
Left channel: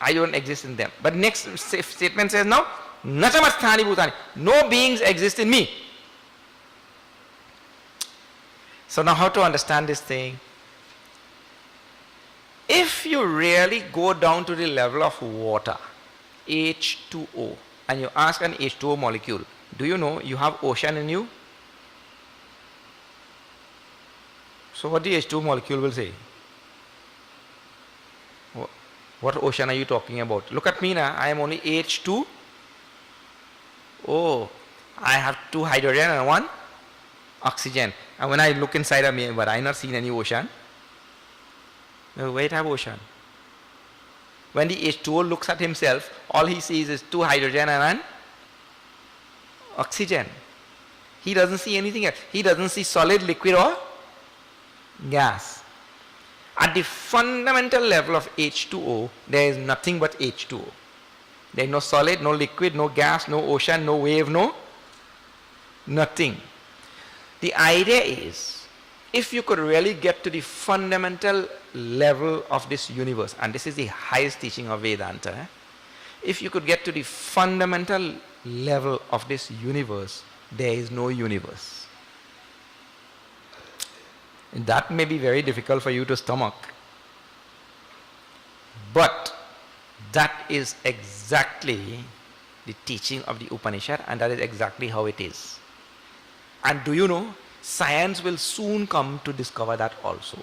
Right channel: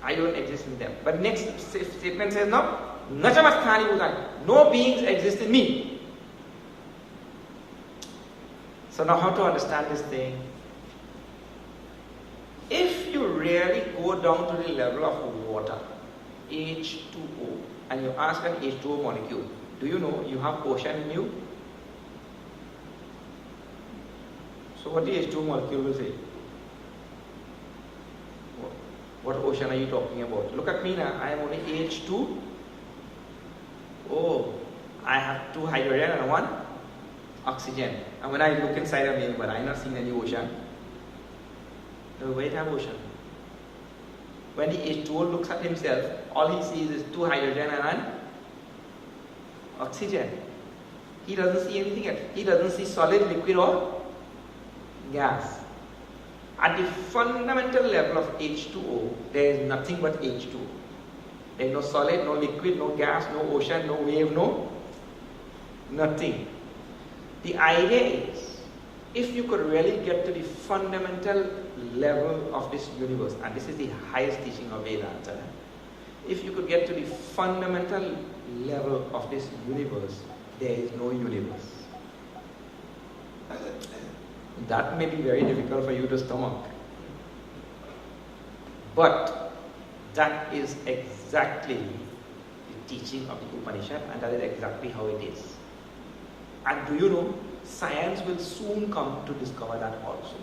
I don't exist in them. But next statement says now, Nachamasthani bhutani. No beings exist in me. So now how to understand this thing? If you really go down to the level of water, H2O, and you ask an H2O molecule, do you know you have ocean in you? So what the H2O molecule will say? What ocean are you talking about? Look at me now, I am only H2. Oh, I have 2 hydrogen and 1 oxygen. And when I look inside of me, but I not seen any ocean. Where it have ocean? When the H2O looks at himself, all he sees is 2 hydrogen and 1 oxygen. He doesn't see anything else. He doesn't see solid, liquid or gas. At the fundamental level of H2O, there is nothing but H2O. There is no solid, no liquid, no gas, no ocean, no wave, no nothing. The idea is, if you could really get to the fundamental level of this universe, and this is the highest teaching of Vedanta, if you could get to the fundamental level of this universe, there is no universe. And that may be very difficult for you to stomach. But that is exactly the teaching of the Upanishad, and that is exactly how it is. And do you know, science will soon come to discover that also.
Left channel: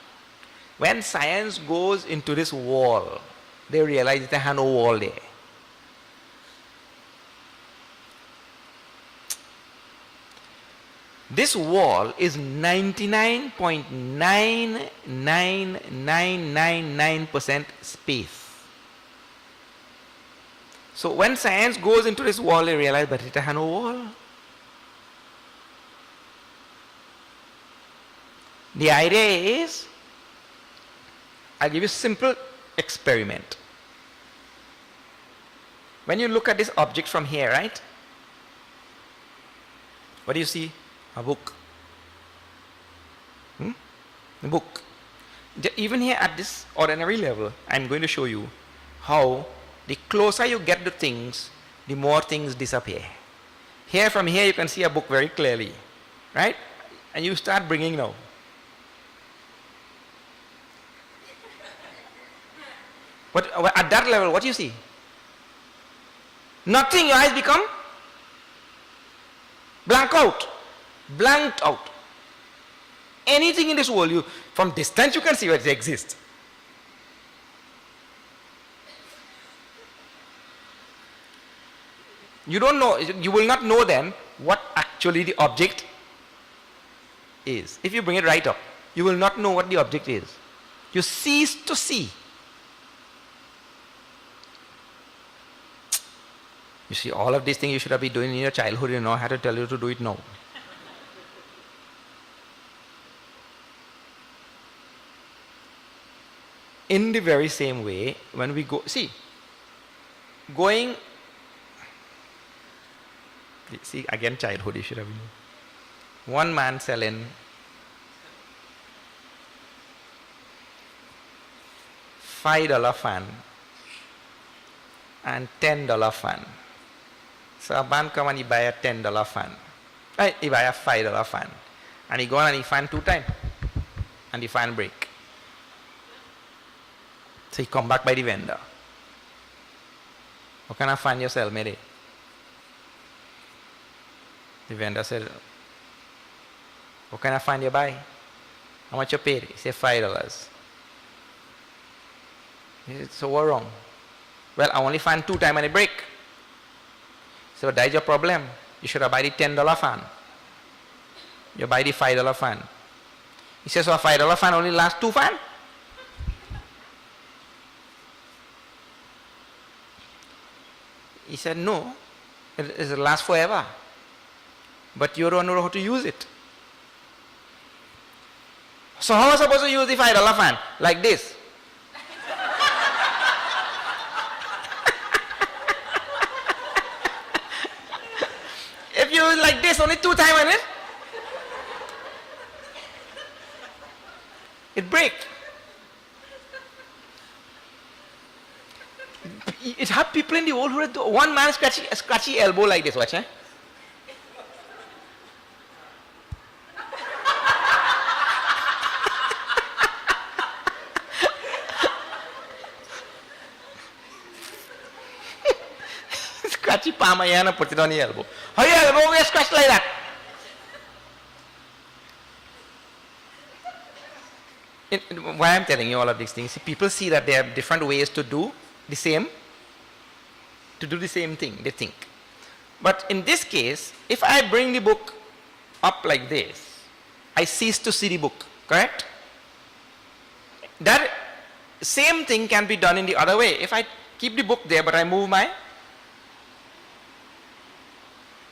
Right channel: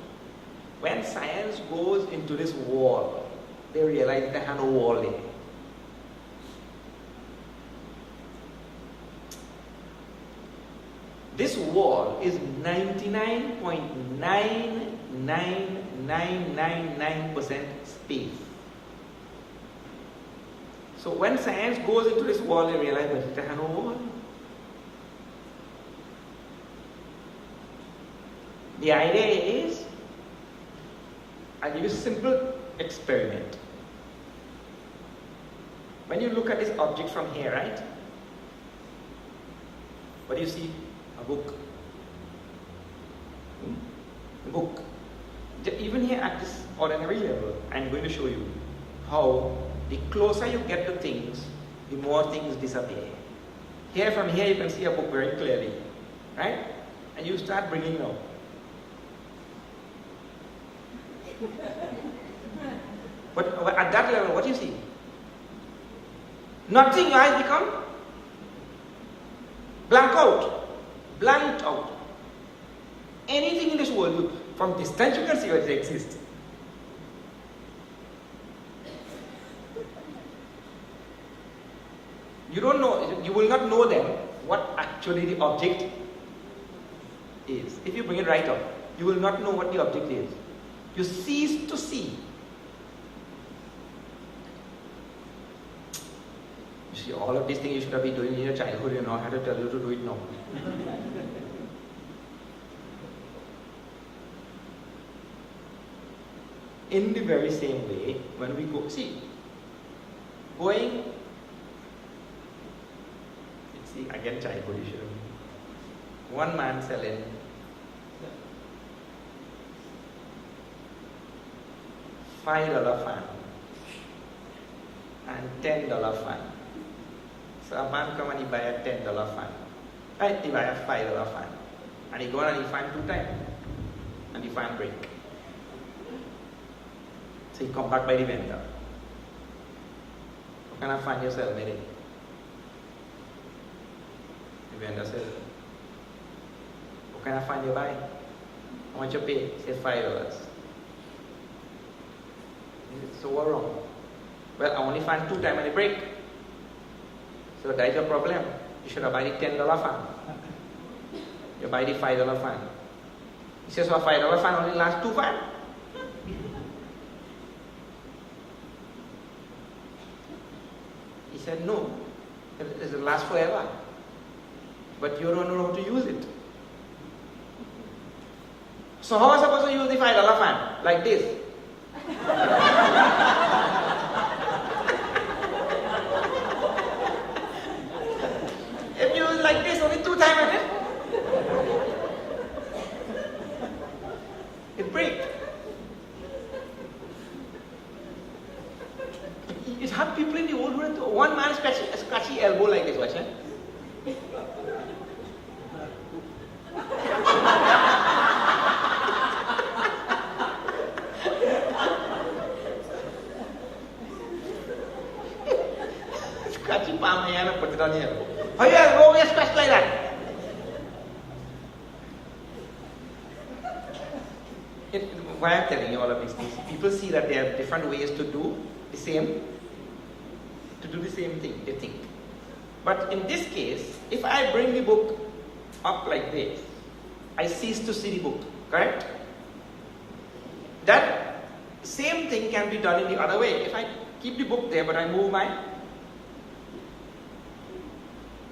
When science goes into this wall, they realize they have no wall there. This wall is 99.99999% space. So when science goes into this wall, they realize that it has no wall. The idea is, I'll give you a simple experiment. When you look at this object from here, right? What do you see? A book. A book. Even here at this ordinary level, I'm going to show you how the closer you get to things, the more things disappear. Here, from here, you can see a book very clearly, right? And you start bringing now. But at that level, what do you see? Nothing. Your eyes become blank out. Blanked out. Anything in this world, from distance you can see where it exists. You don't know, you will not know then what actually the object is. If you bring it right up, you will not know what the object is. You cease to see. You see, all of these things you should have been doing in your childhood, you know, I had to tell you to do it now. In the very same way, when we go, see, again childhood, you should have been. One man selling $5 fan and $10 fan. So a man come and he buy a $10 fan. He buy a $5 fan. And he go and he fan 2 times. And the fan break. So he come back by the vendor. What kind of fan you sell, Mary? The vendor said, what kind of fan you buy? How much you paid? He said, $5. He said, so what wrong? Well, I only fan 2 times and it break. So that is your problem. You should have buy the $10 fan. You buy the $5 fan. He says, so a $5 fan only lasts 2 fans? He said, no, it lasts forever. But you don't know how to use it. So how am I supposed to use the $5 fan? Like this. If you use it like this, only 2 times in it, it breaks. It had people in the old world, one man scratchy elbow like this, watch, eh? Scratchy palm and put it on the elbow. How your elbow is scratched like that? Why I'm telling you all of these things, people see that there are different ways to do the same thing, they think. But in this case, if I bring the book up like this, I cease to see the book, correct? That same thing can be done in the other way. If I keep the book there, but I move my...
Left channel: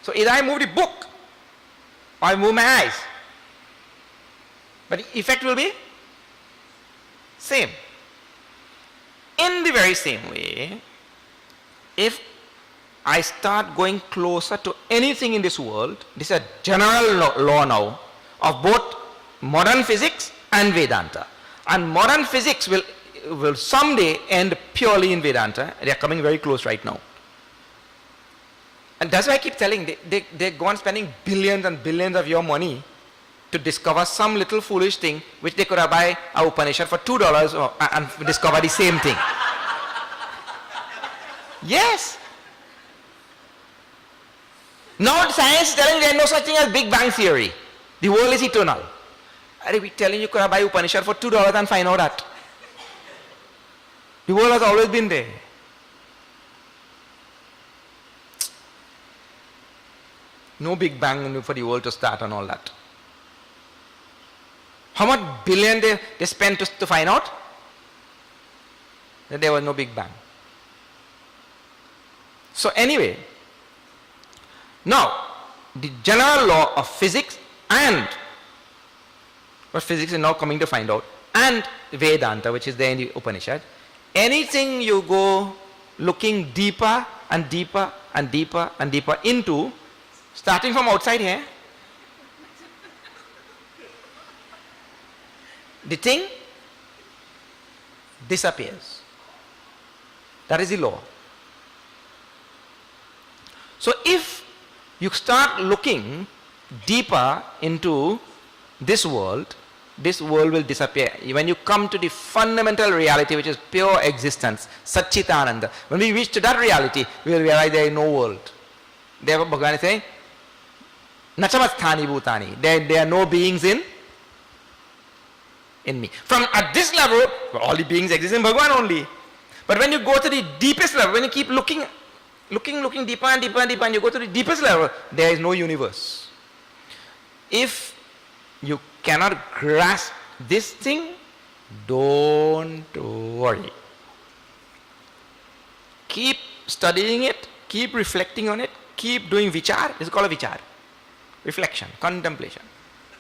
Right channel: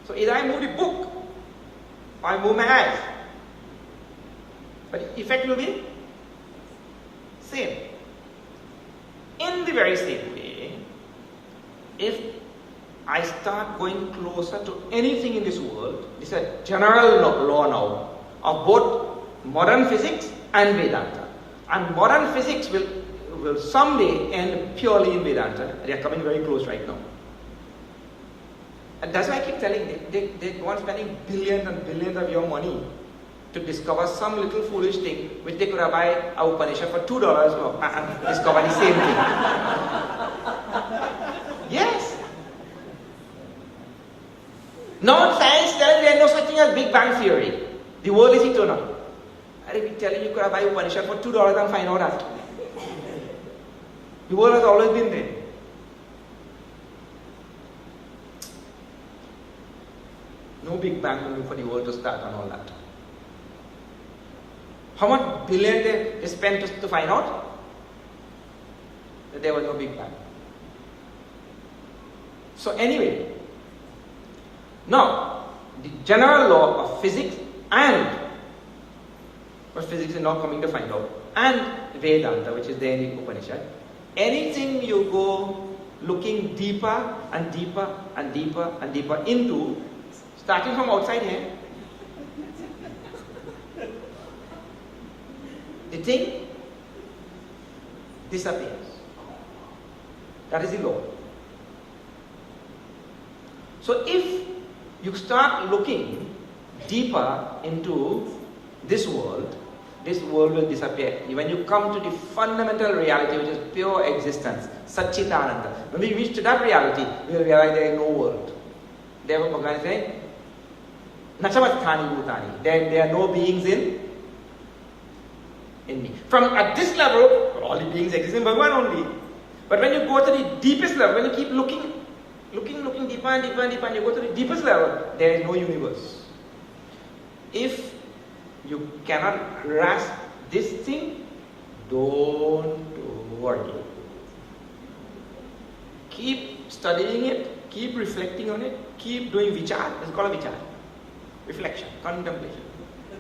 So either I move the book, or I move my eyes. But the effect will be same. In the very same way, if I start going closer to anything in this world, this is a general law now of both modern physics and Vedanta. And modern physics will someday end purely in Vedanta. They are coming very close right now. And that's why I keep telling, they go on spending billions and billions of your money to discover some little foolish thing which they could have buy a Upanishad for $2 and discover the same thing. Yes. Now science is telling there is no such thing as Big Bang Theory. The world is eternal. I be telling you could have buy Upanishad for $2 and find out that. The world has always been there. No Big Bang for the world to start and all that. How much billion they spent to find out that there was no Big Bang. So anyway, now the general law of physics and what physics is now coming to find out, and Vedanta, which is there in the Upanishad, anything you go looking deeper and deeper and deeper and deeper into, starting from outside here, the thing disappears. That is the law. So if you start looking deeper into this world will disappear. When you come to the fundamental reality, which is pure existence, Satchitananda, when we reach to that reality, we will realize there is no world. Therefore Bhagavan is saying, Nachamasthani bhutani. There are no beings in me. From at this level, all the beings exist in Bhagavan only. But when you go to the deepest level, when you keep looking deeper and deeper and deeper, and you go to the deepest level, there is no universe. If you cannot grasp this thing, don't worry. Keep studying it, keep reflecting on it, keep doing vichar. It's called a vichar. Reflection, contemplation.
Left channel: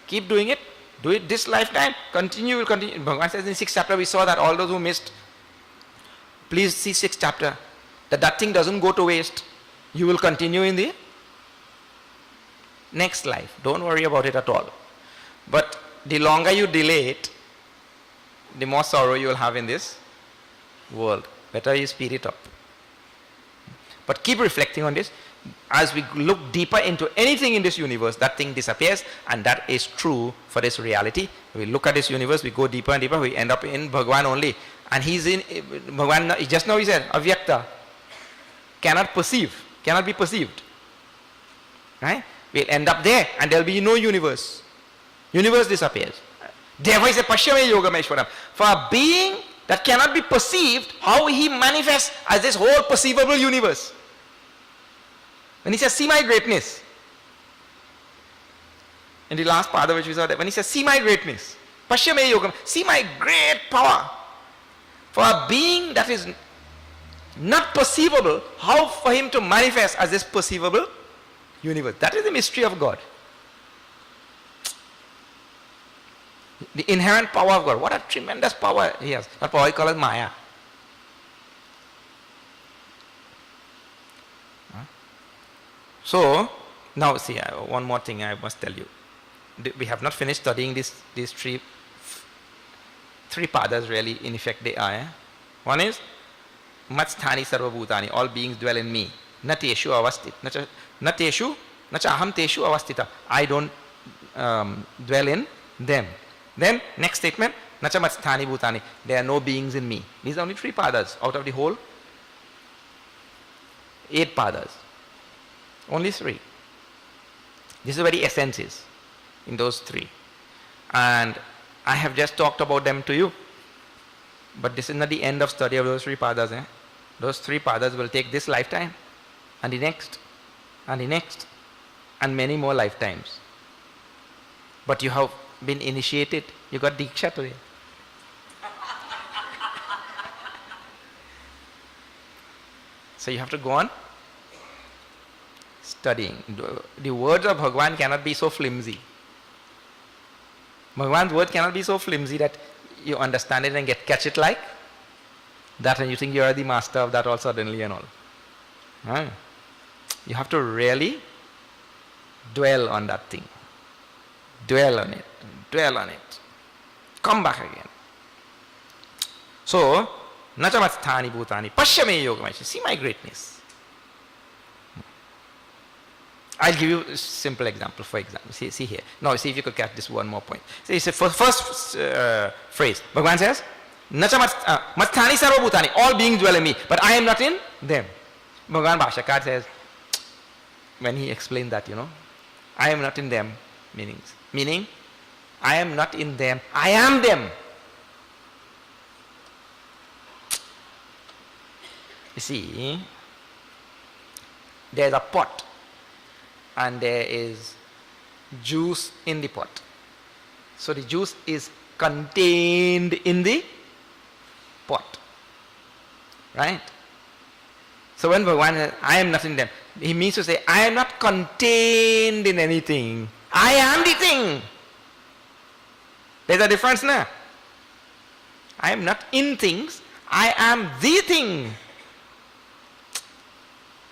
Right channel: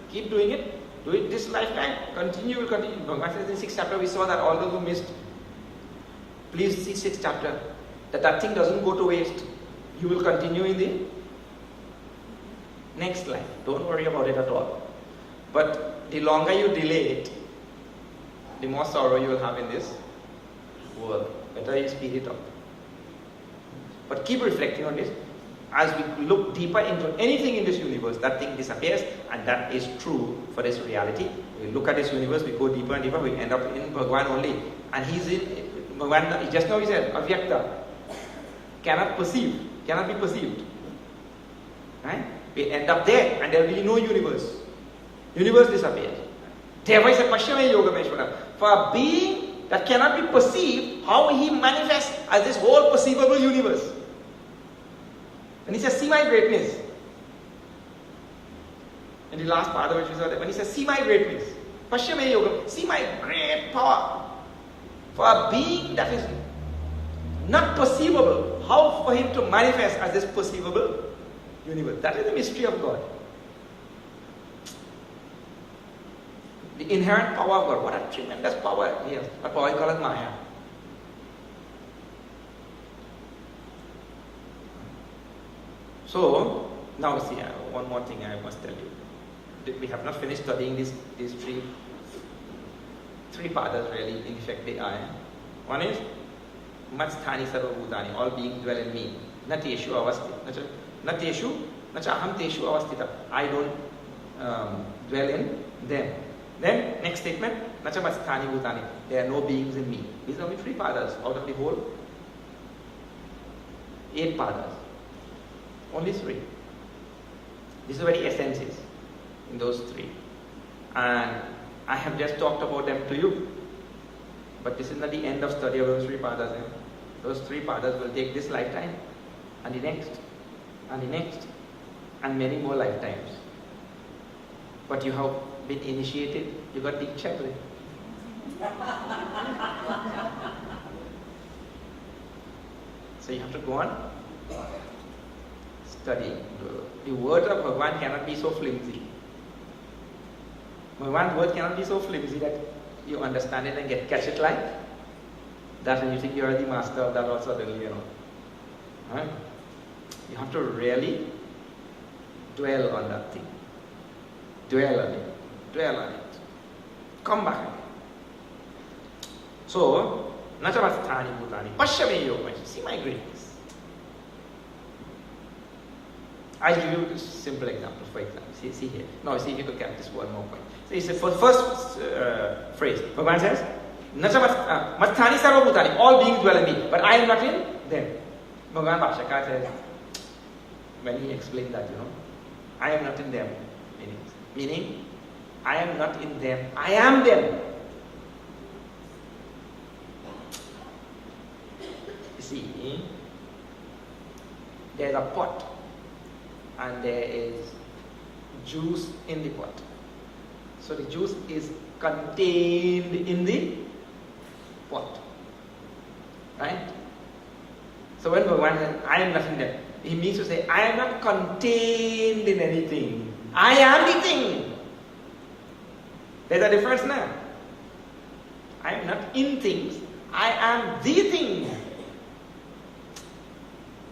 Keep doing it. Do it this lifetime. Continue, will continue. Bhagavan says in the 6th chapter, we saw that all those who missed, please see 6th chapter. That thing doesn't go to waste. You will continue in the next life. Don't worry about it at all. But the longer you delay it, the more sorrow you will have in this world. Better you speed it up. But keep reflecting on this. As we look deeper into anything in this universe, that thing disappears, and that is true for this reality. We look at this universe, we go deeper and deeper, we end up in Bhagavan only. And he's in Bhagavan, just now he said, Avyakta. cannot perceive, cannot be perceived. Right? We'll end up there and there will be no universe. Universe disappears. Therefore, it's a Pashyame Yogameshwara. For a being that cannot be perceived, how he manifests as this whole perceivable universe. When he says, see my greatness, in the last part of which we saw that, when he says, see my greatness, Pashyame Yogam, see my great power. For a being that is not perceivable, how for him to manifest as this perceivable universe? That is the mystery of God. The inherent power of God. What a tremendous power he has. That power we call it Maya. So, now see, one more thing I must tell you. We have not finished studying these three padas really, in effect they are. One is, Matsthani sarva bhutani, all beings dwell in me. Nateshu avastit. Nateshu, nacha aham teshu avastita. I don't dwell in them. Then, next statement, nacha matsthani bhutani. There are no beings in me. These are only 3 padas out of the whole 8 padas. Only 3. This is where the essence is, in those 3. And I have just talked about them to you. But this is not the end of study of those 3 padas. Those 3 padas will take this lifetime, and the next, and the next, and many more lifetimes. But you have been initiated, you got Diksha today. So you have to go on studying. The words of Bhagavan cannot be so flimsy. Bhagavan's word cannot be so flimsy that you understand it and catch it like that, and you think you are the master of that all suddenly and all. Right? You have to really dwell on that thing. Dwell on it. Dwell on it. Come back again. So, Nachamasthani Bhutani, Pashyame Yogameshwara. See my greatness. I'll give you a simple example, for example. See here. Now, see if you could catch this one more point. See, it's the first phrase. Bhagavan says, Nachamasthani sarva bhutani, all beings dwell in me, but I am not in them. Bhagavan Bhashyakar says, when he explained that, I am not in them, meaning, I am not in them, I am them. You see, there's a pot and there is juice in the pot. So the juice is contained in the pot. Right? So when Bhagavan says, I am not in them, he means to say, I am not contained in anything. I am the thing. There's a difference now. I am not in things. I am the thing.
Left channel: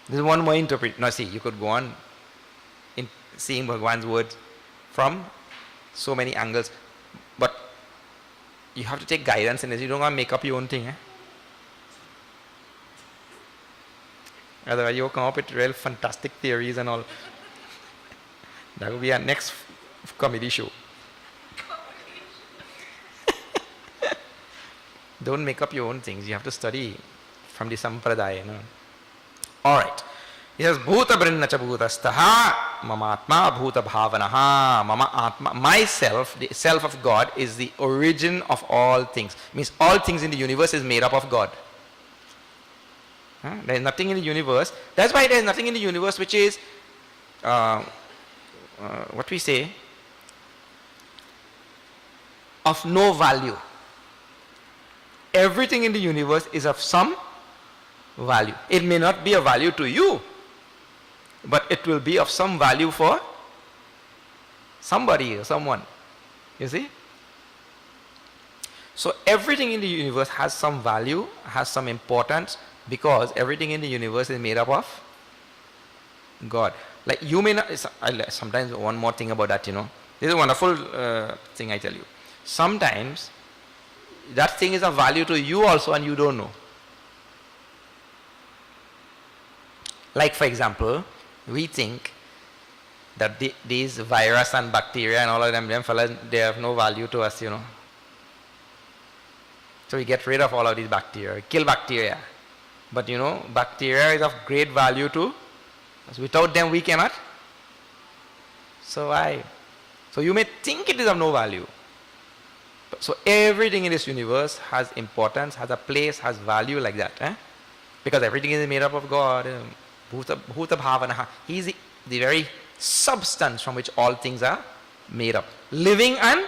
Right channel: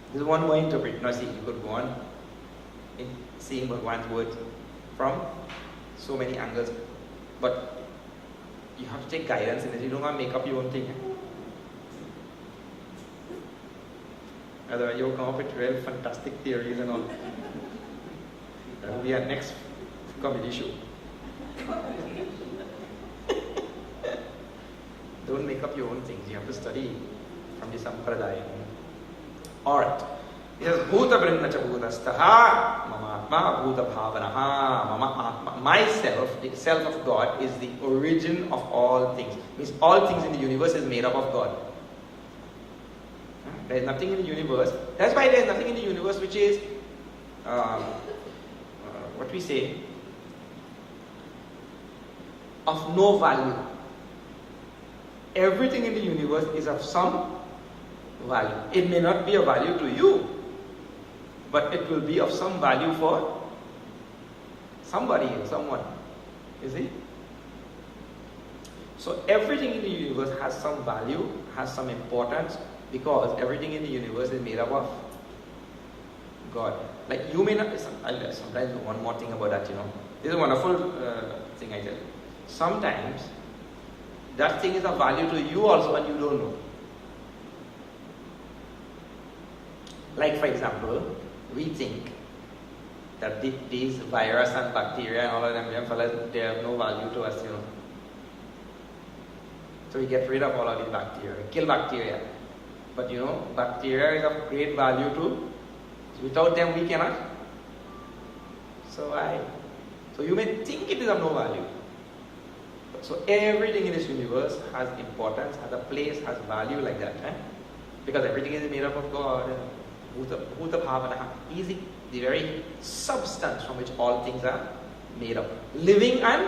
This is one more interpret. Now see, you could go on in seeing Bhagavan's words from so many angles. But you have to take guidance in this. You don't want to make up your own thing. Otherwise you'll come up with real fantastic theories and all. That will be our next comedy show. Don't make up your own things. You have to study from the Sampradaya. Alright. He says, Bhuta Brinnacha Bhutastaha Mamatma Bhuta Bhavanaha Mama Atma. Myself, the self of God, is the origin of all things. Means all things in the universe is made up of God. There is nothing in the universe. That's why there is nothing in the universe which is what we say, of no value. Everything in the universe is of some value. It may not be of value to you, but it will be of some value for somebody or someone. You see? So everything in the universe has some value, has some importance, because everything in the universe is made up of God. Like you may not, sometimes one more thing about that, This is a wonderful thing I tell you. Sometimes that thing is of value to you also and you don't know. Like for example, we think that these virus and bacteria and all of them fellas, they have no value to us, So we get rid of all of these bacteria, kill bacteria. But bacteria is of great value too. So without them we cannot survive. So you may think it is of no value. So everything in this universe has importance, has a place, has value like that. Because everything is made up of God. Bhuta bhavana. He is the very substance from which all things are made up. Living and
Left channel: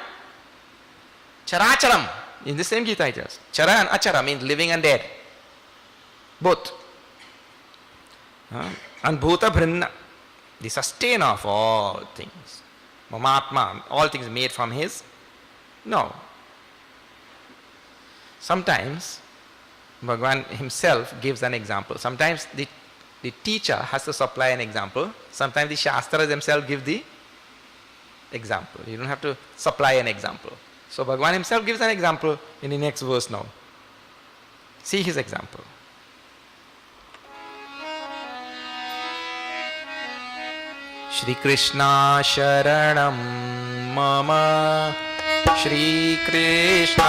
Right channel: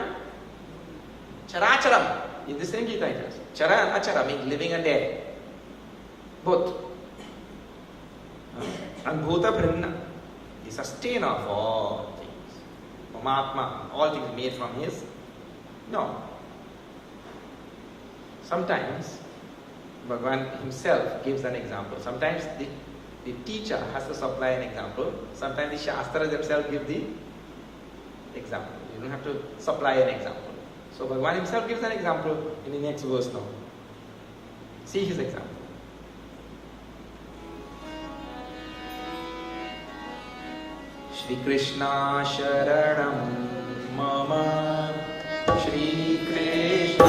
characharam. In the same Gita it is. Chara and achara means living and dead. Both. And bhuta bhrinna, the sustainer of all things. Mamatma, all things made from his. No. Sometimes Bhagavan himself gives an example. Sometimes the teacher has to supply an example. Sometimes the Shastras themselves give the example. You don't have to supply an example. So Bhagavan himself gives an example in the next verse now. See his example. Shri Krishna Sharanam Mama, Shri Krishna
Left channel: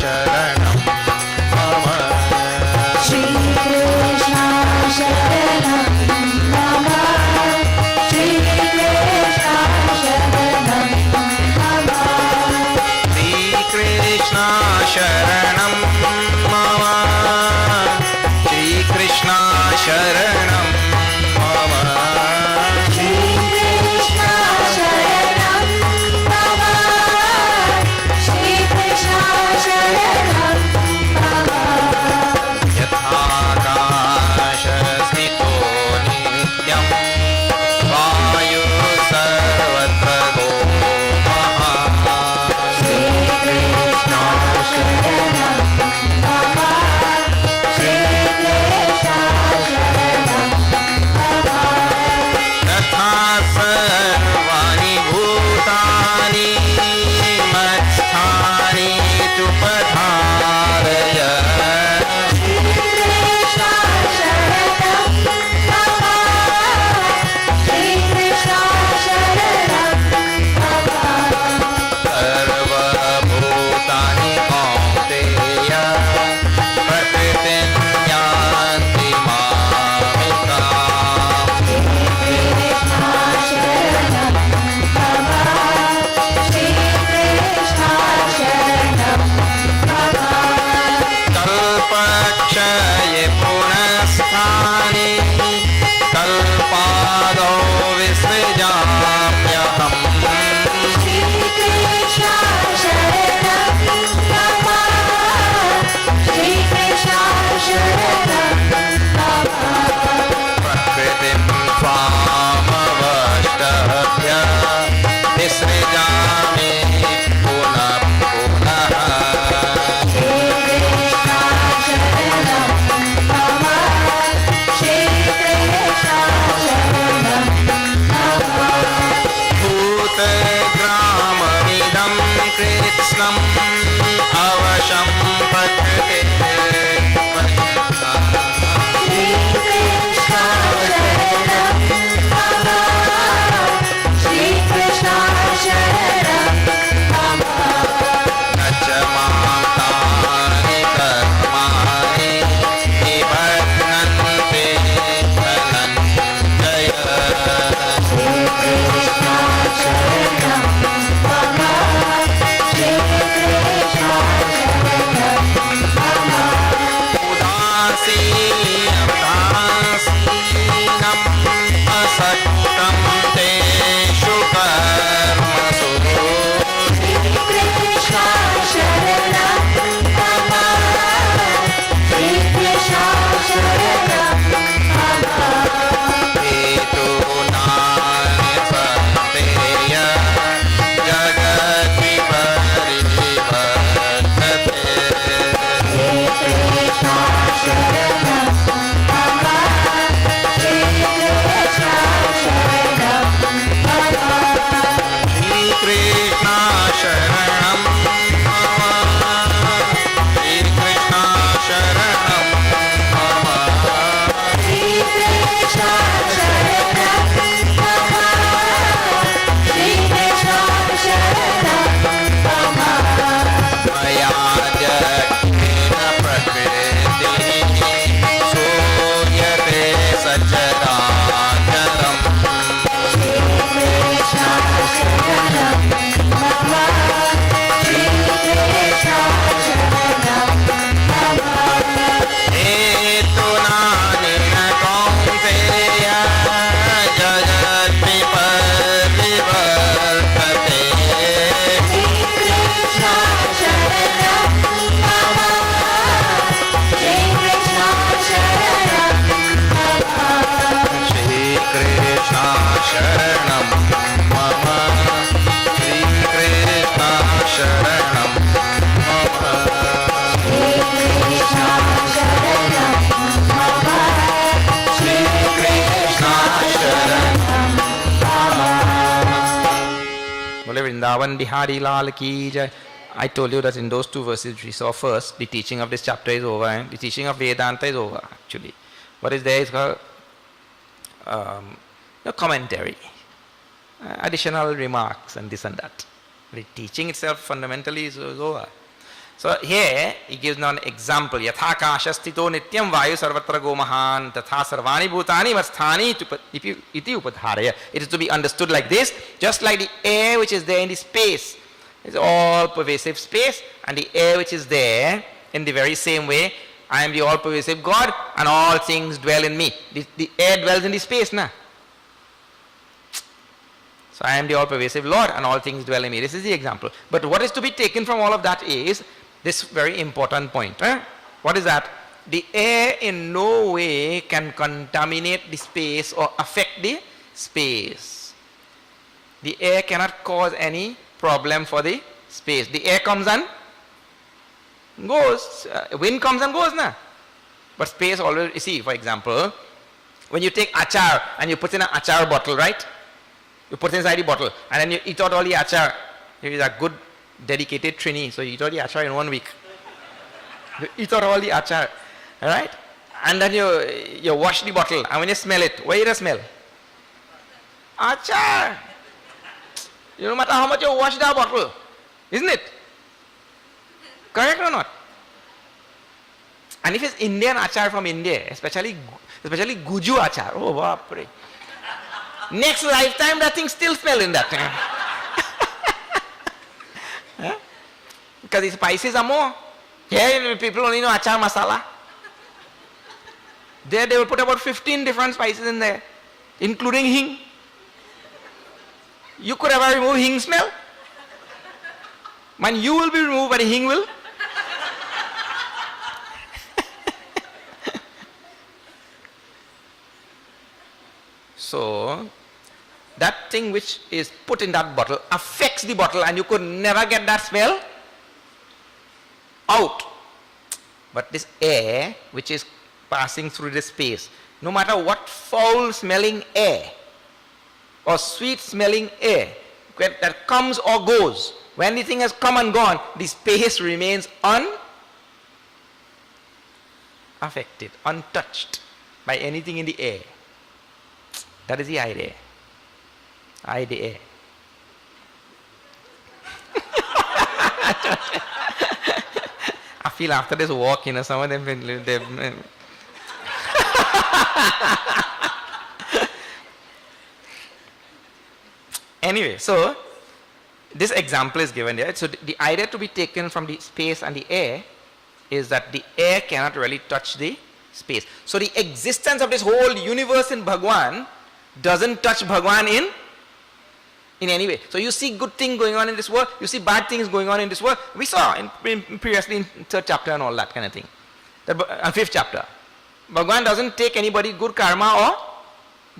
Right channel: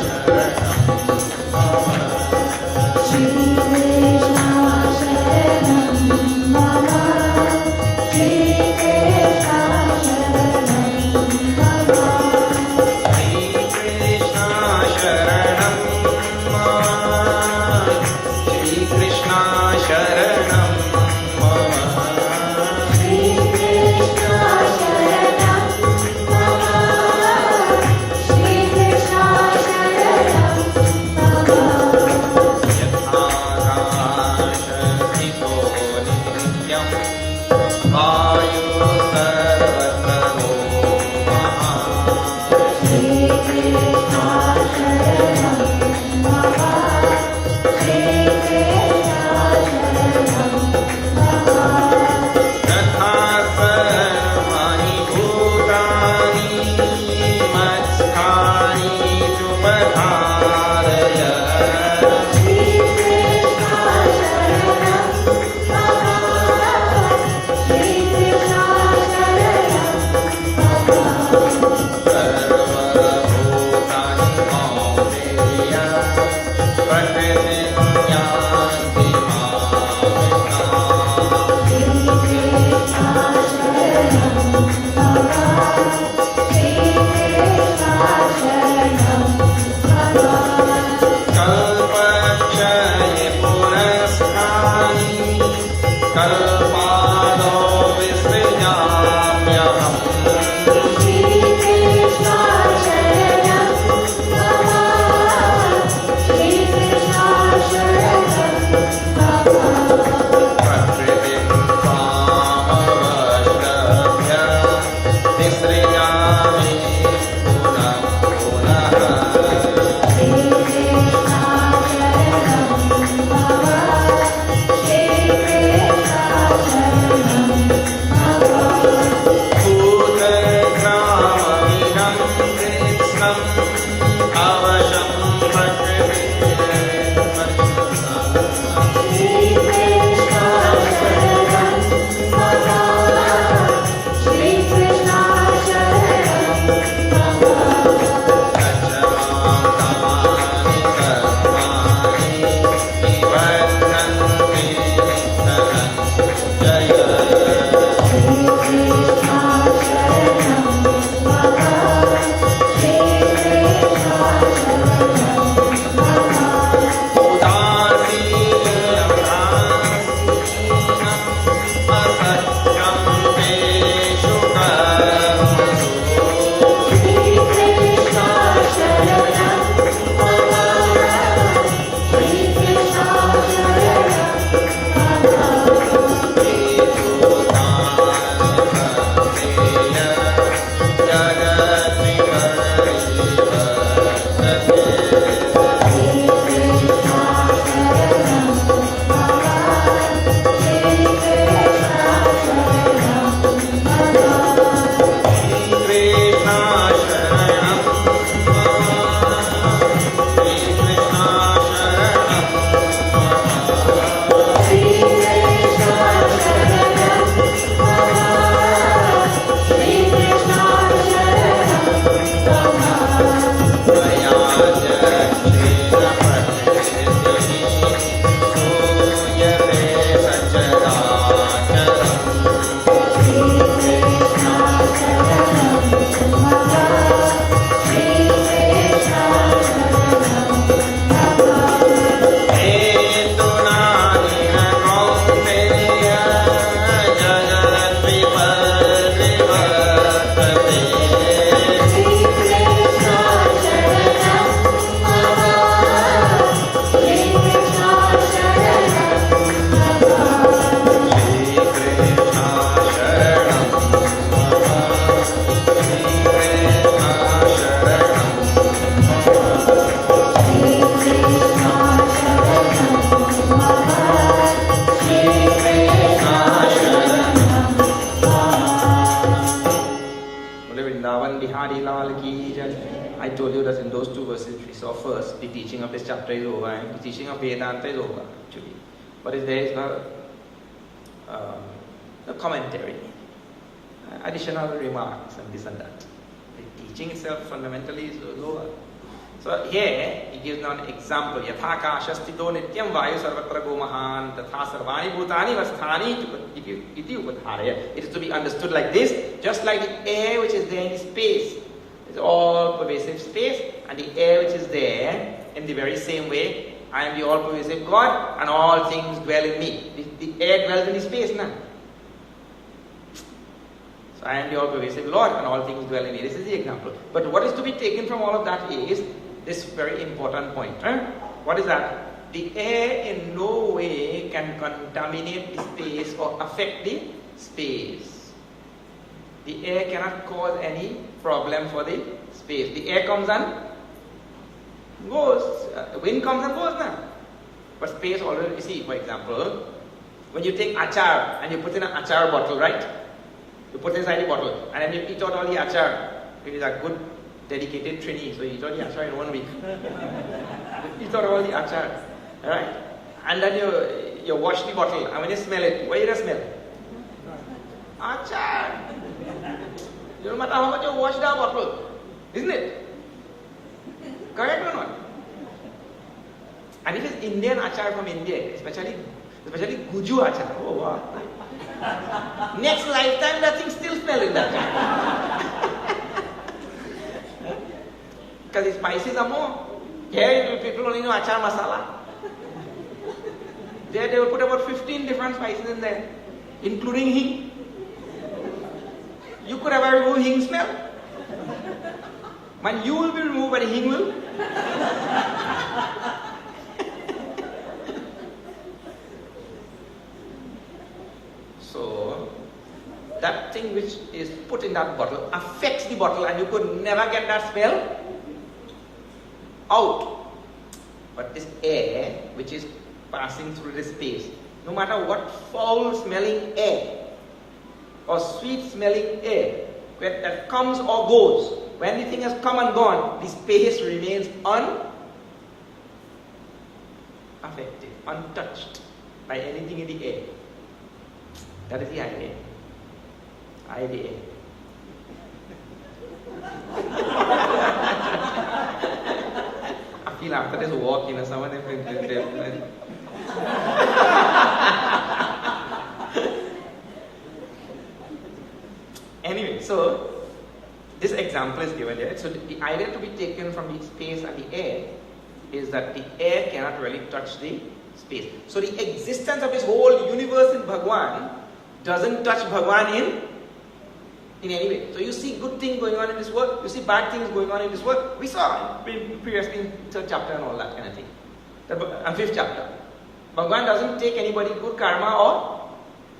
Sharanam Mama, Shri Krishna Sharanam Mama, Shri Krishna Sharanam Mama, Shri Krishna Sharanam Mama, Shri Krishna Sharanam Mama. Shri Krishna Sharanam Bole Vrindavan Bihari Lal Ki Jai. I told you that in those two verses which we saw first, the teaching of this chapter is over and the teaching of Vedanta is over actually. What is there is called commentary, additional remarks and this and that. The teaching itself fundamentally is over. So here he gives now an example. Yatha kashastito nityam vayu sarvatra gomahan tatha sarvani bhutani vasthani iti upadharaya. It is to be understood like this, just like the air which is there in the space is all pervasive space, and the air which is there in the very same way, I am the all pervasive God and all things dwell in me. The air dwells in the space now. So I am the all pervasive Lord and all things dwell in me. This is the example. But what is to be taken from all of that is this very important point. What is that? The air in no way can contaminate the space or affect the space. The air cannot cause any problem for the space. The air comes and goes. Wind comes and goes now. But space always, you see, for example, when you take achar and you put in an achar bottle, right? You put inside the bottle and then you eat out all the achar. It is a good dedicated trini, so you eat all the achar in 1 week. You eat out all the achar, alright? And then you wash the bottle, and when you smell it, what is the smell? Achar! No matter how much you wash the bottle, isn't it? Correct or not? And if it's Indian achar from India, especially Guju achar, oh wow, next lifetime that thing still smell in that time. Because the spices are more. Here people only know achar masala. There they will put about 15 different spices in there, including hing. You could ever remove hing smell? Man, you will be removed, but the hing will. So, that thing which is put in that bottle affects the bottle and you could never get that smell out. But this air which is passing through the space, no matter what foul smelling air or sweet smelling air that comes or goes, when anything has come and gone, the space remains unaffected, untouched by anything in the air. That is the idea. Idea. I feel after this walk, some of them Anyway, so this example is given there. So the idea to be taken from the space and the air is that the air cannot really touch the space. So the existence of this whole universe in Bhagwan doesn't touch Bhagwan in any way. So you see good things going on in this world, you see bad things going on in this world. We saw previously in 3rd chapter and all that kind of thing. And 5th chapter. Bhagwan doesn't take anybody good karma or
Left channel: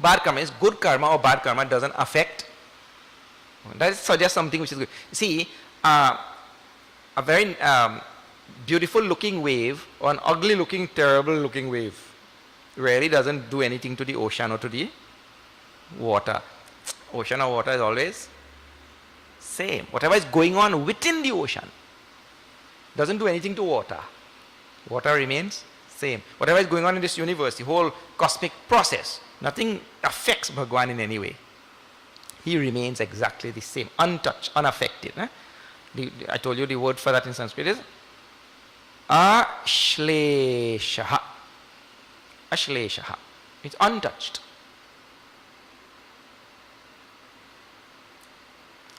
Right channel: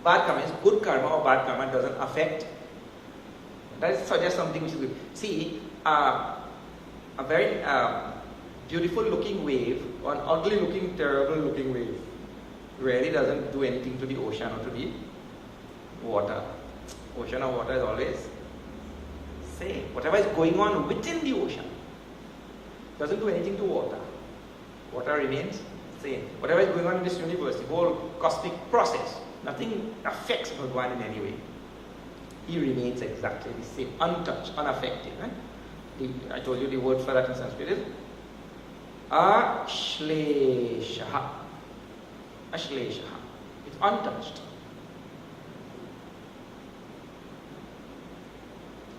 bad karma. It's good karma or bad karma doesn't affect. That suggests something which is good. See, a very beautiful looking wave or an ugly looking, terrible looking wave really doesn't do anything to the ocean or to the water. Ocean or water is always same. Whatever is going on within the ocean doesn't do anything to water. Water remains same. Whatever is going on in this universe, the whole cosmic process, nothing affects Bhagwan in any way. He remains exactly the same, untouched, unaffected. I told you the word for that in Sanskrit is Ashleshaha. Ashleshaha. It's untouched.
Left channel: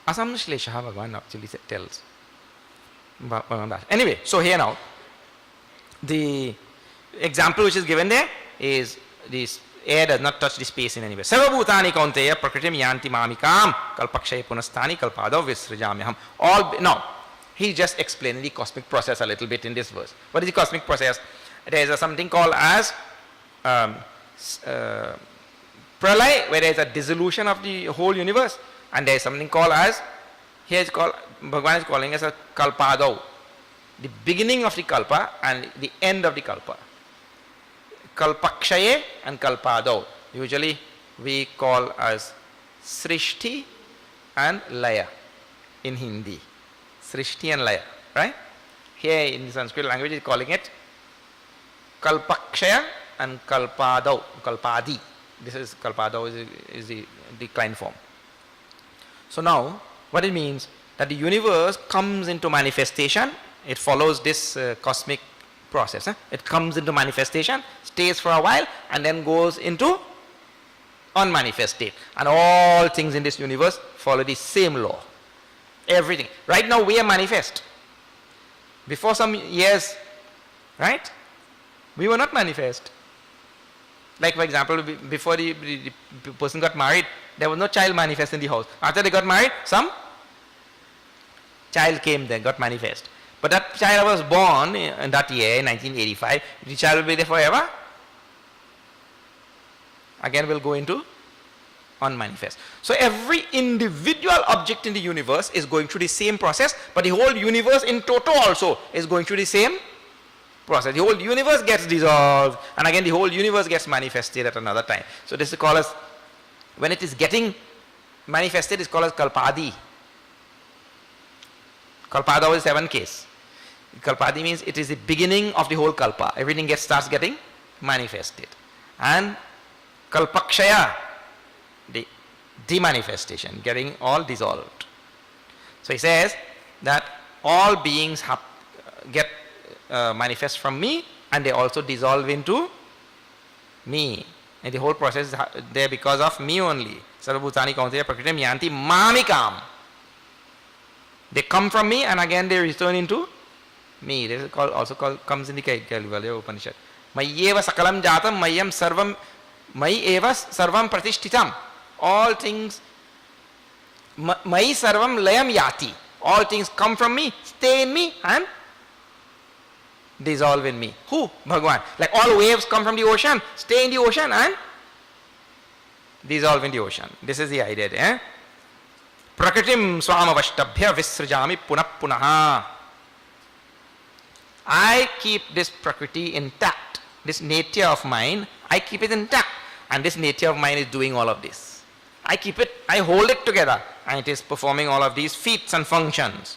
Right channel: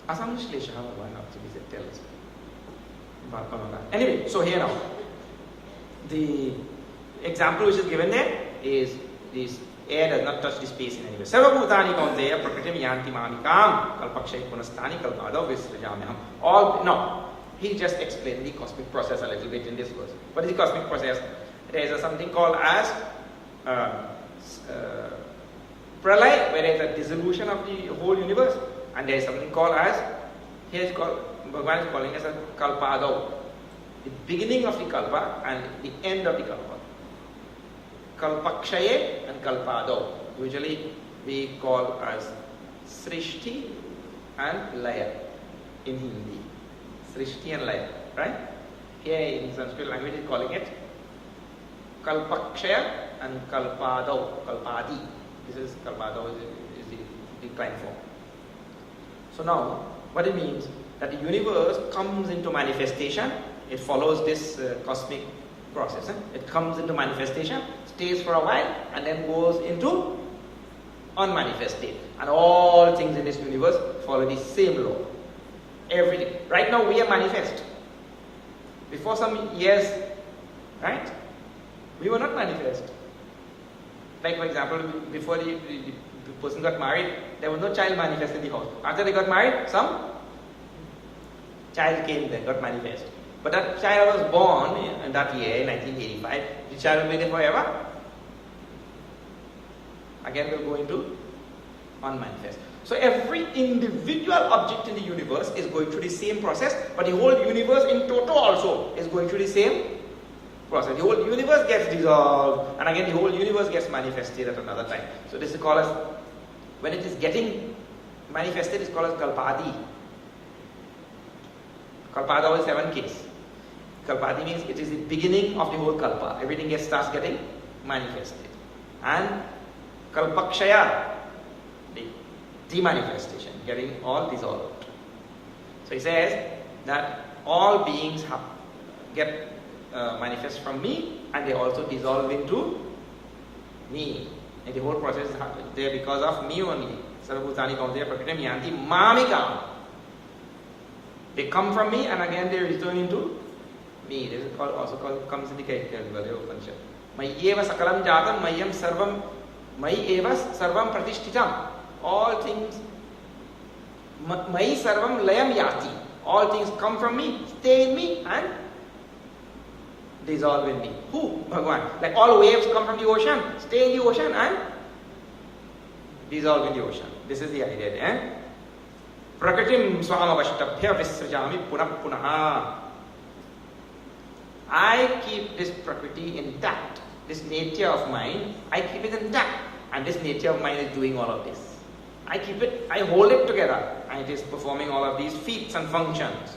Asamshleshaha Bhagavan actually tells. Anyway, so here now, the example which is given there is this air does not touch the space in any way. Sarvabhutani kaunteya prakritim yanti mamikam kalpakshay punasthani kalpadav visrajamyaham. All, now, he just explained the cosmic process a little bit in this verse. What is the cosmic process? There is something called as pralay, where there is a dissolution of the whole universe, and there is something called as, here it's called, Bhagavan is calling as a kalpadav, the beginning of the kalpa and the end of the kalpa. Kalpakshaye and kalpadav. Usually we call as srishti and laya. in Hindi. Srishti and Laya, right? Here in Sanskrit language is calling it Kalpakshaya and Kalpadi. This is Kalpadau is the decline form. So now, what it means, that the universe comes into manifestation, it follows this cosmic process. It comes into manifestation, stays for a while, and then goes into unmanifested. And all things in this universe follow the same law. Everything. Right now we are manifest. Before some years, right, we were not manifest. Like for example, before the person got married, there was no child manifest in the house. After they got married, some child came there, got manifest. But that child was born in that year, 1985. The child will be there forever. Again will go into unmanifest. So every individual object in the universe is going through the same process, but the whole universe in total also is going through the same process. The whole universe gets dissolved, and again the whole universe gets manifested at another time. So this is called as, when it is getting manifested, is called as Kalpadi. Kalpada is 7 case. Kalpadi means it is the beginning of the whole Kalpa. Everything starts getting manifested. And Kalpakshaya, the demanifestation, getting all dissolved. So he says that all beings get manifest from me, and they also dissolve into me. And the whole process is there because of me only. Sarvabhutani Kaunteya Prakritim Yanti Mamikam. They come from me and again they return into me. This is also comes in the Kaivalya Upanishad. Mayeva Sakalam Jatam Mayam Sarvam Mai Eva Sarvam Pratishtitam. All things Mai Sarvam Layam Yati. All things come from me, stay in me and dissolve in me. Who? Bhagavan. Like all waves come from the ocean, stay in the ocean and dissolve in the ocean. This is the idea. Eh? Prakritim swamavashtabhya visrajami punah punaha. I keep this prakriti intact. This nature of mine, I keep it intact. And this nature of mine is doing all of this. I keep it, I hold it together. And it is performing all of these feats and functions.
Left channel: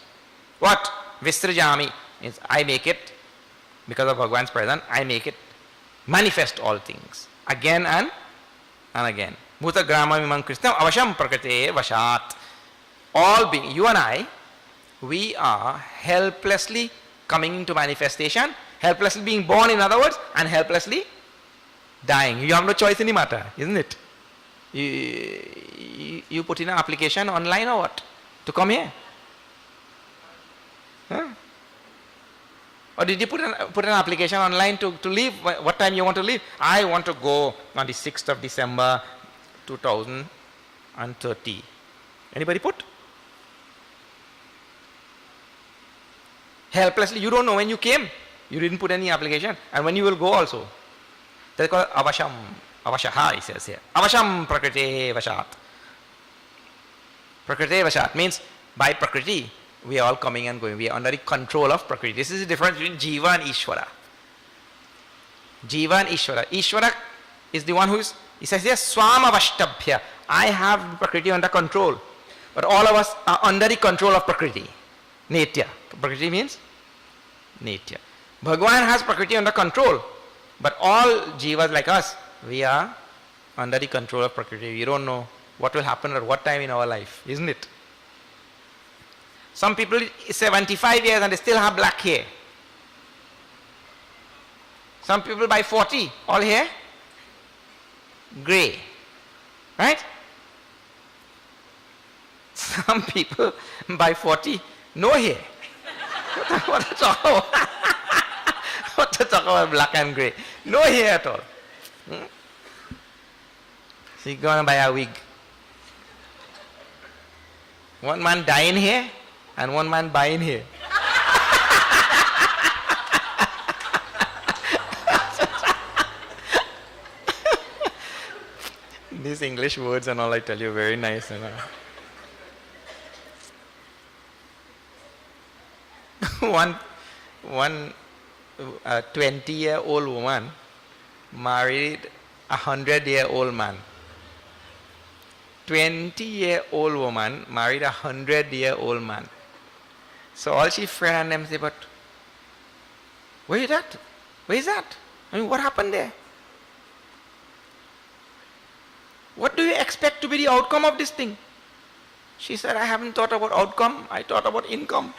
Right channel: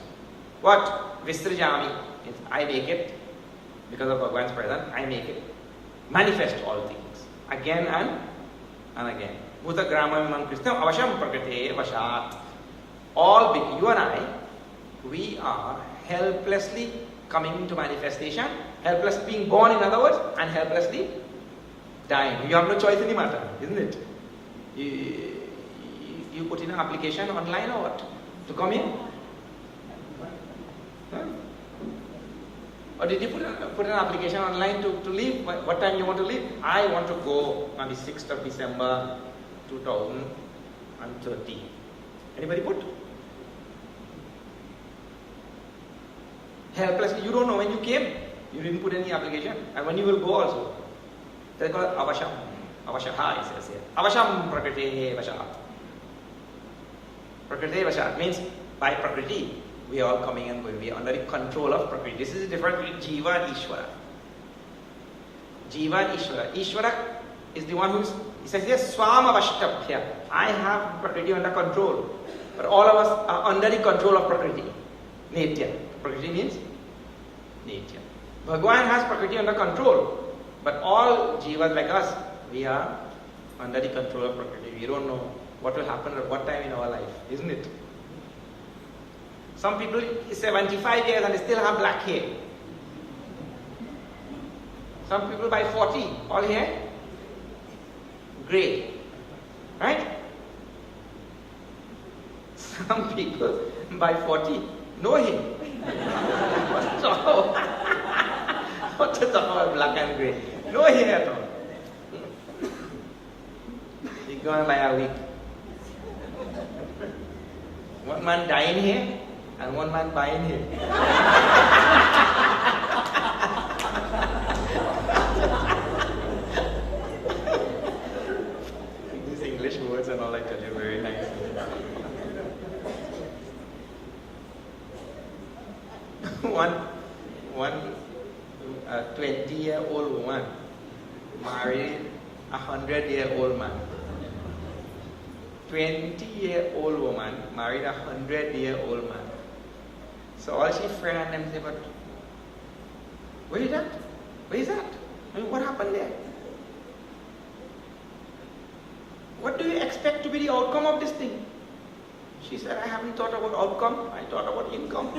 What? Visrajami means I make it, because of Bhagavan's presence, I make it manifest all things. Again and again. Bhuta grama mimam krishnam avasham prakate vashat. All being, you and I, we are helplessly coming into manifestation, helplessly being born in other words, and helplessly dying. You have no choice in the matter, isn't it? You put in an application online or what? To come here? Huh? Or did you put an application online to leave? What time you want to leave? I want to go on the 6th of December 2030. Anybody put? Helplessly, you don't know when you came. You didn't put any application. And when you will go also. That's called avasham. Avashaha, he says here. Avasham prakriti vashat. Prakriti vashat means by prakriti, we are all coming and going. We are under the control of prakriti. This is the difference between Jiva and Ishvara. Jiva and Ishvara. Ishvara is the one who is, he says here, Swamavashtabhya. I have prakriti under control. But all of us are under the control of prakriti. Nature. Prakriti means nature. Bhagavan has prakriti under control. But all jivas like us, we are under the control of prakriti. We don't know what will happen at what time in our life, isn't it? Some people is 75 years and they still have black hair. Some people by 40, all hair grey. Right? Some people by 40, no hair. What to talk about? What to talk about black and grey? No hair at all. So you go and buy a wig. One man dyeing hair and one man buying hair. These English words and all, I tell you, very nice. One 20-year-old woman married a 100-year-old man. 20-year-old woman married a 100-year-old man. So all she friend them say, but where is that? Where is that? I mean, what happened there? What do you expect to be the outcome of this thing? She said, I haven't thought about outcome, I thought about income.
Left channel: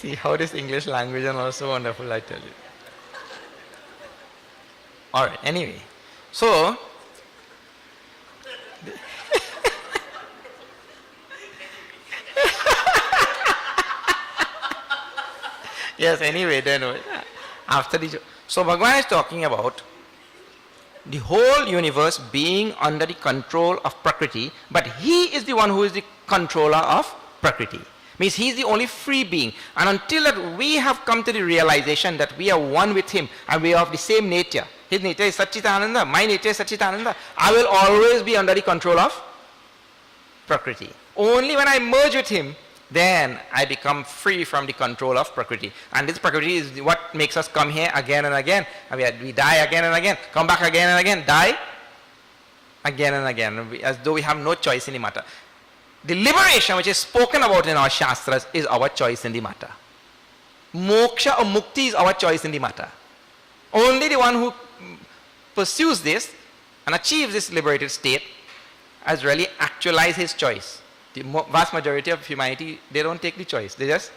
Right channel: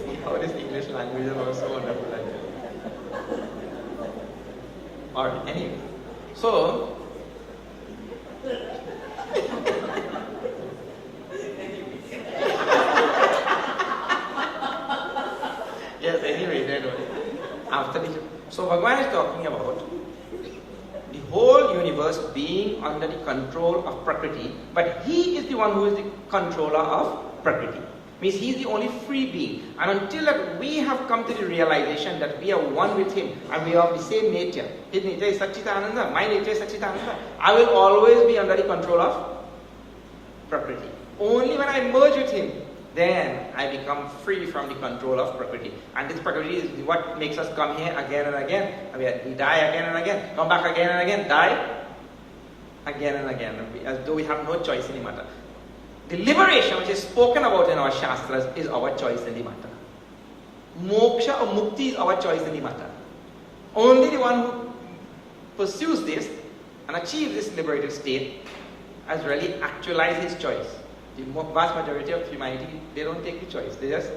See how this English language is also wonderful, I tell you. Alright, anyway. So, yes, anyway, then after this, so Bhagavan is talking about the whole universe being under the control of Prakriti, but he is the one who is the controller of Prakriti. Means he is the only free being. And until that we have come to the realization that we are one with him and we are of the same nature. His nature is Satchitananda, my nature is Satchitananda. I will always be under the control of Prakriti. Only when I merge with him, then I become free from the control of Prakriti. And this Prakriti is what makes us come here again and again. And we die again and again, come back again and again, die again and again, as though we have no choice in the matter. The liberation which is spoken about in our Shastras is our choice in the matter. Moksha or Mukti is our choice in the matter. Only the one who pursues this and achieves this liberated state has really actualized his choice. The vast majority of humanity, they don't take the choice. They just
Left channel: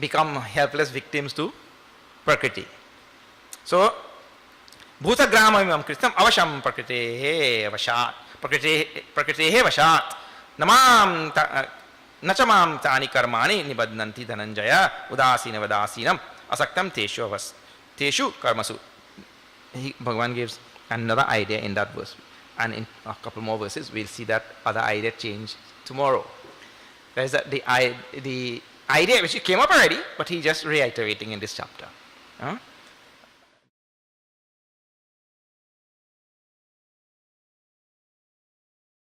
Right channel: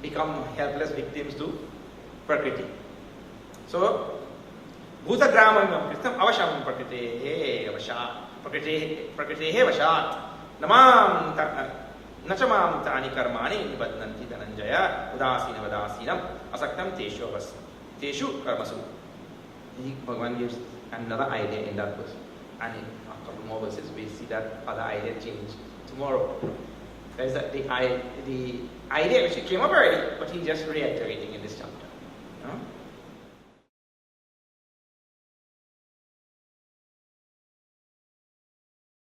become helpless victims to Prakriti. So, Bhuta Grama Imam Kristam Avasham Prakritehe Vashat Prakritehe Vashat Namam Nachamam Tani Karmani Nibadnanti Dhananjaya Udasina Vadasinam Asaktam Teshu Karmasu. Bhagavan gives another idea in that verse. And in a couple more verses, we'll see that other idea change tomorrow. There is the idea which came up already, but he's just reiterating in this chapter.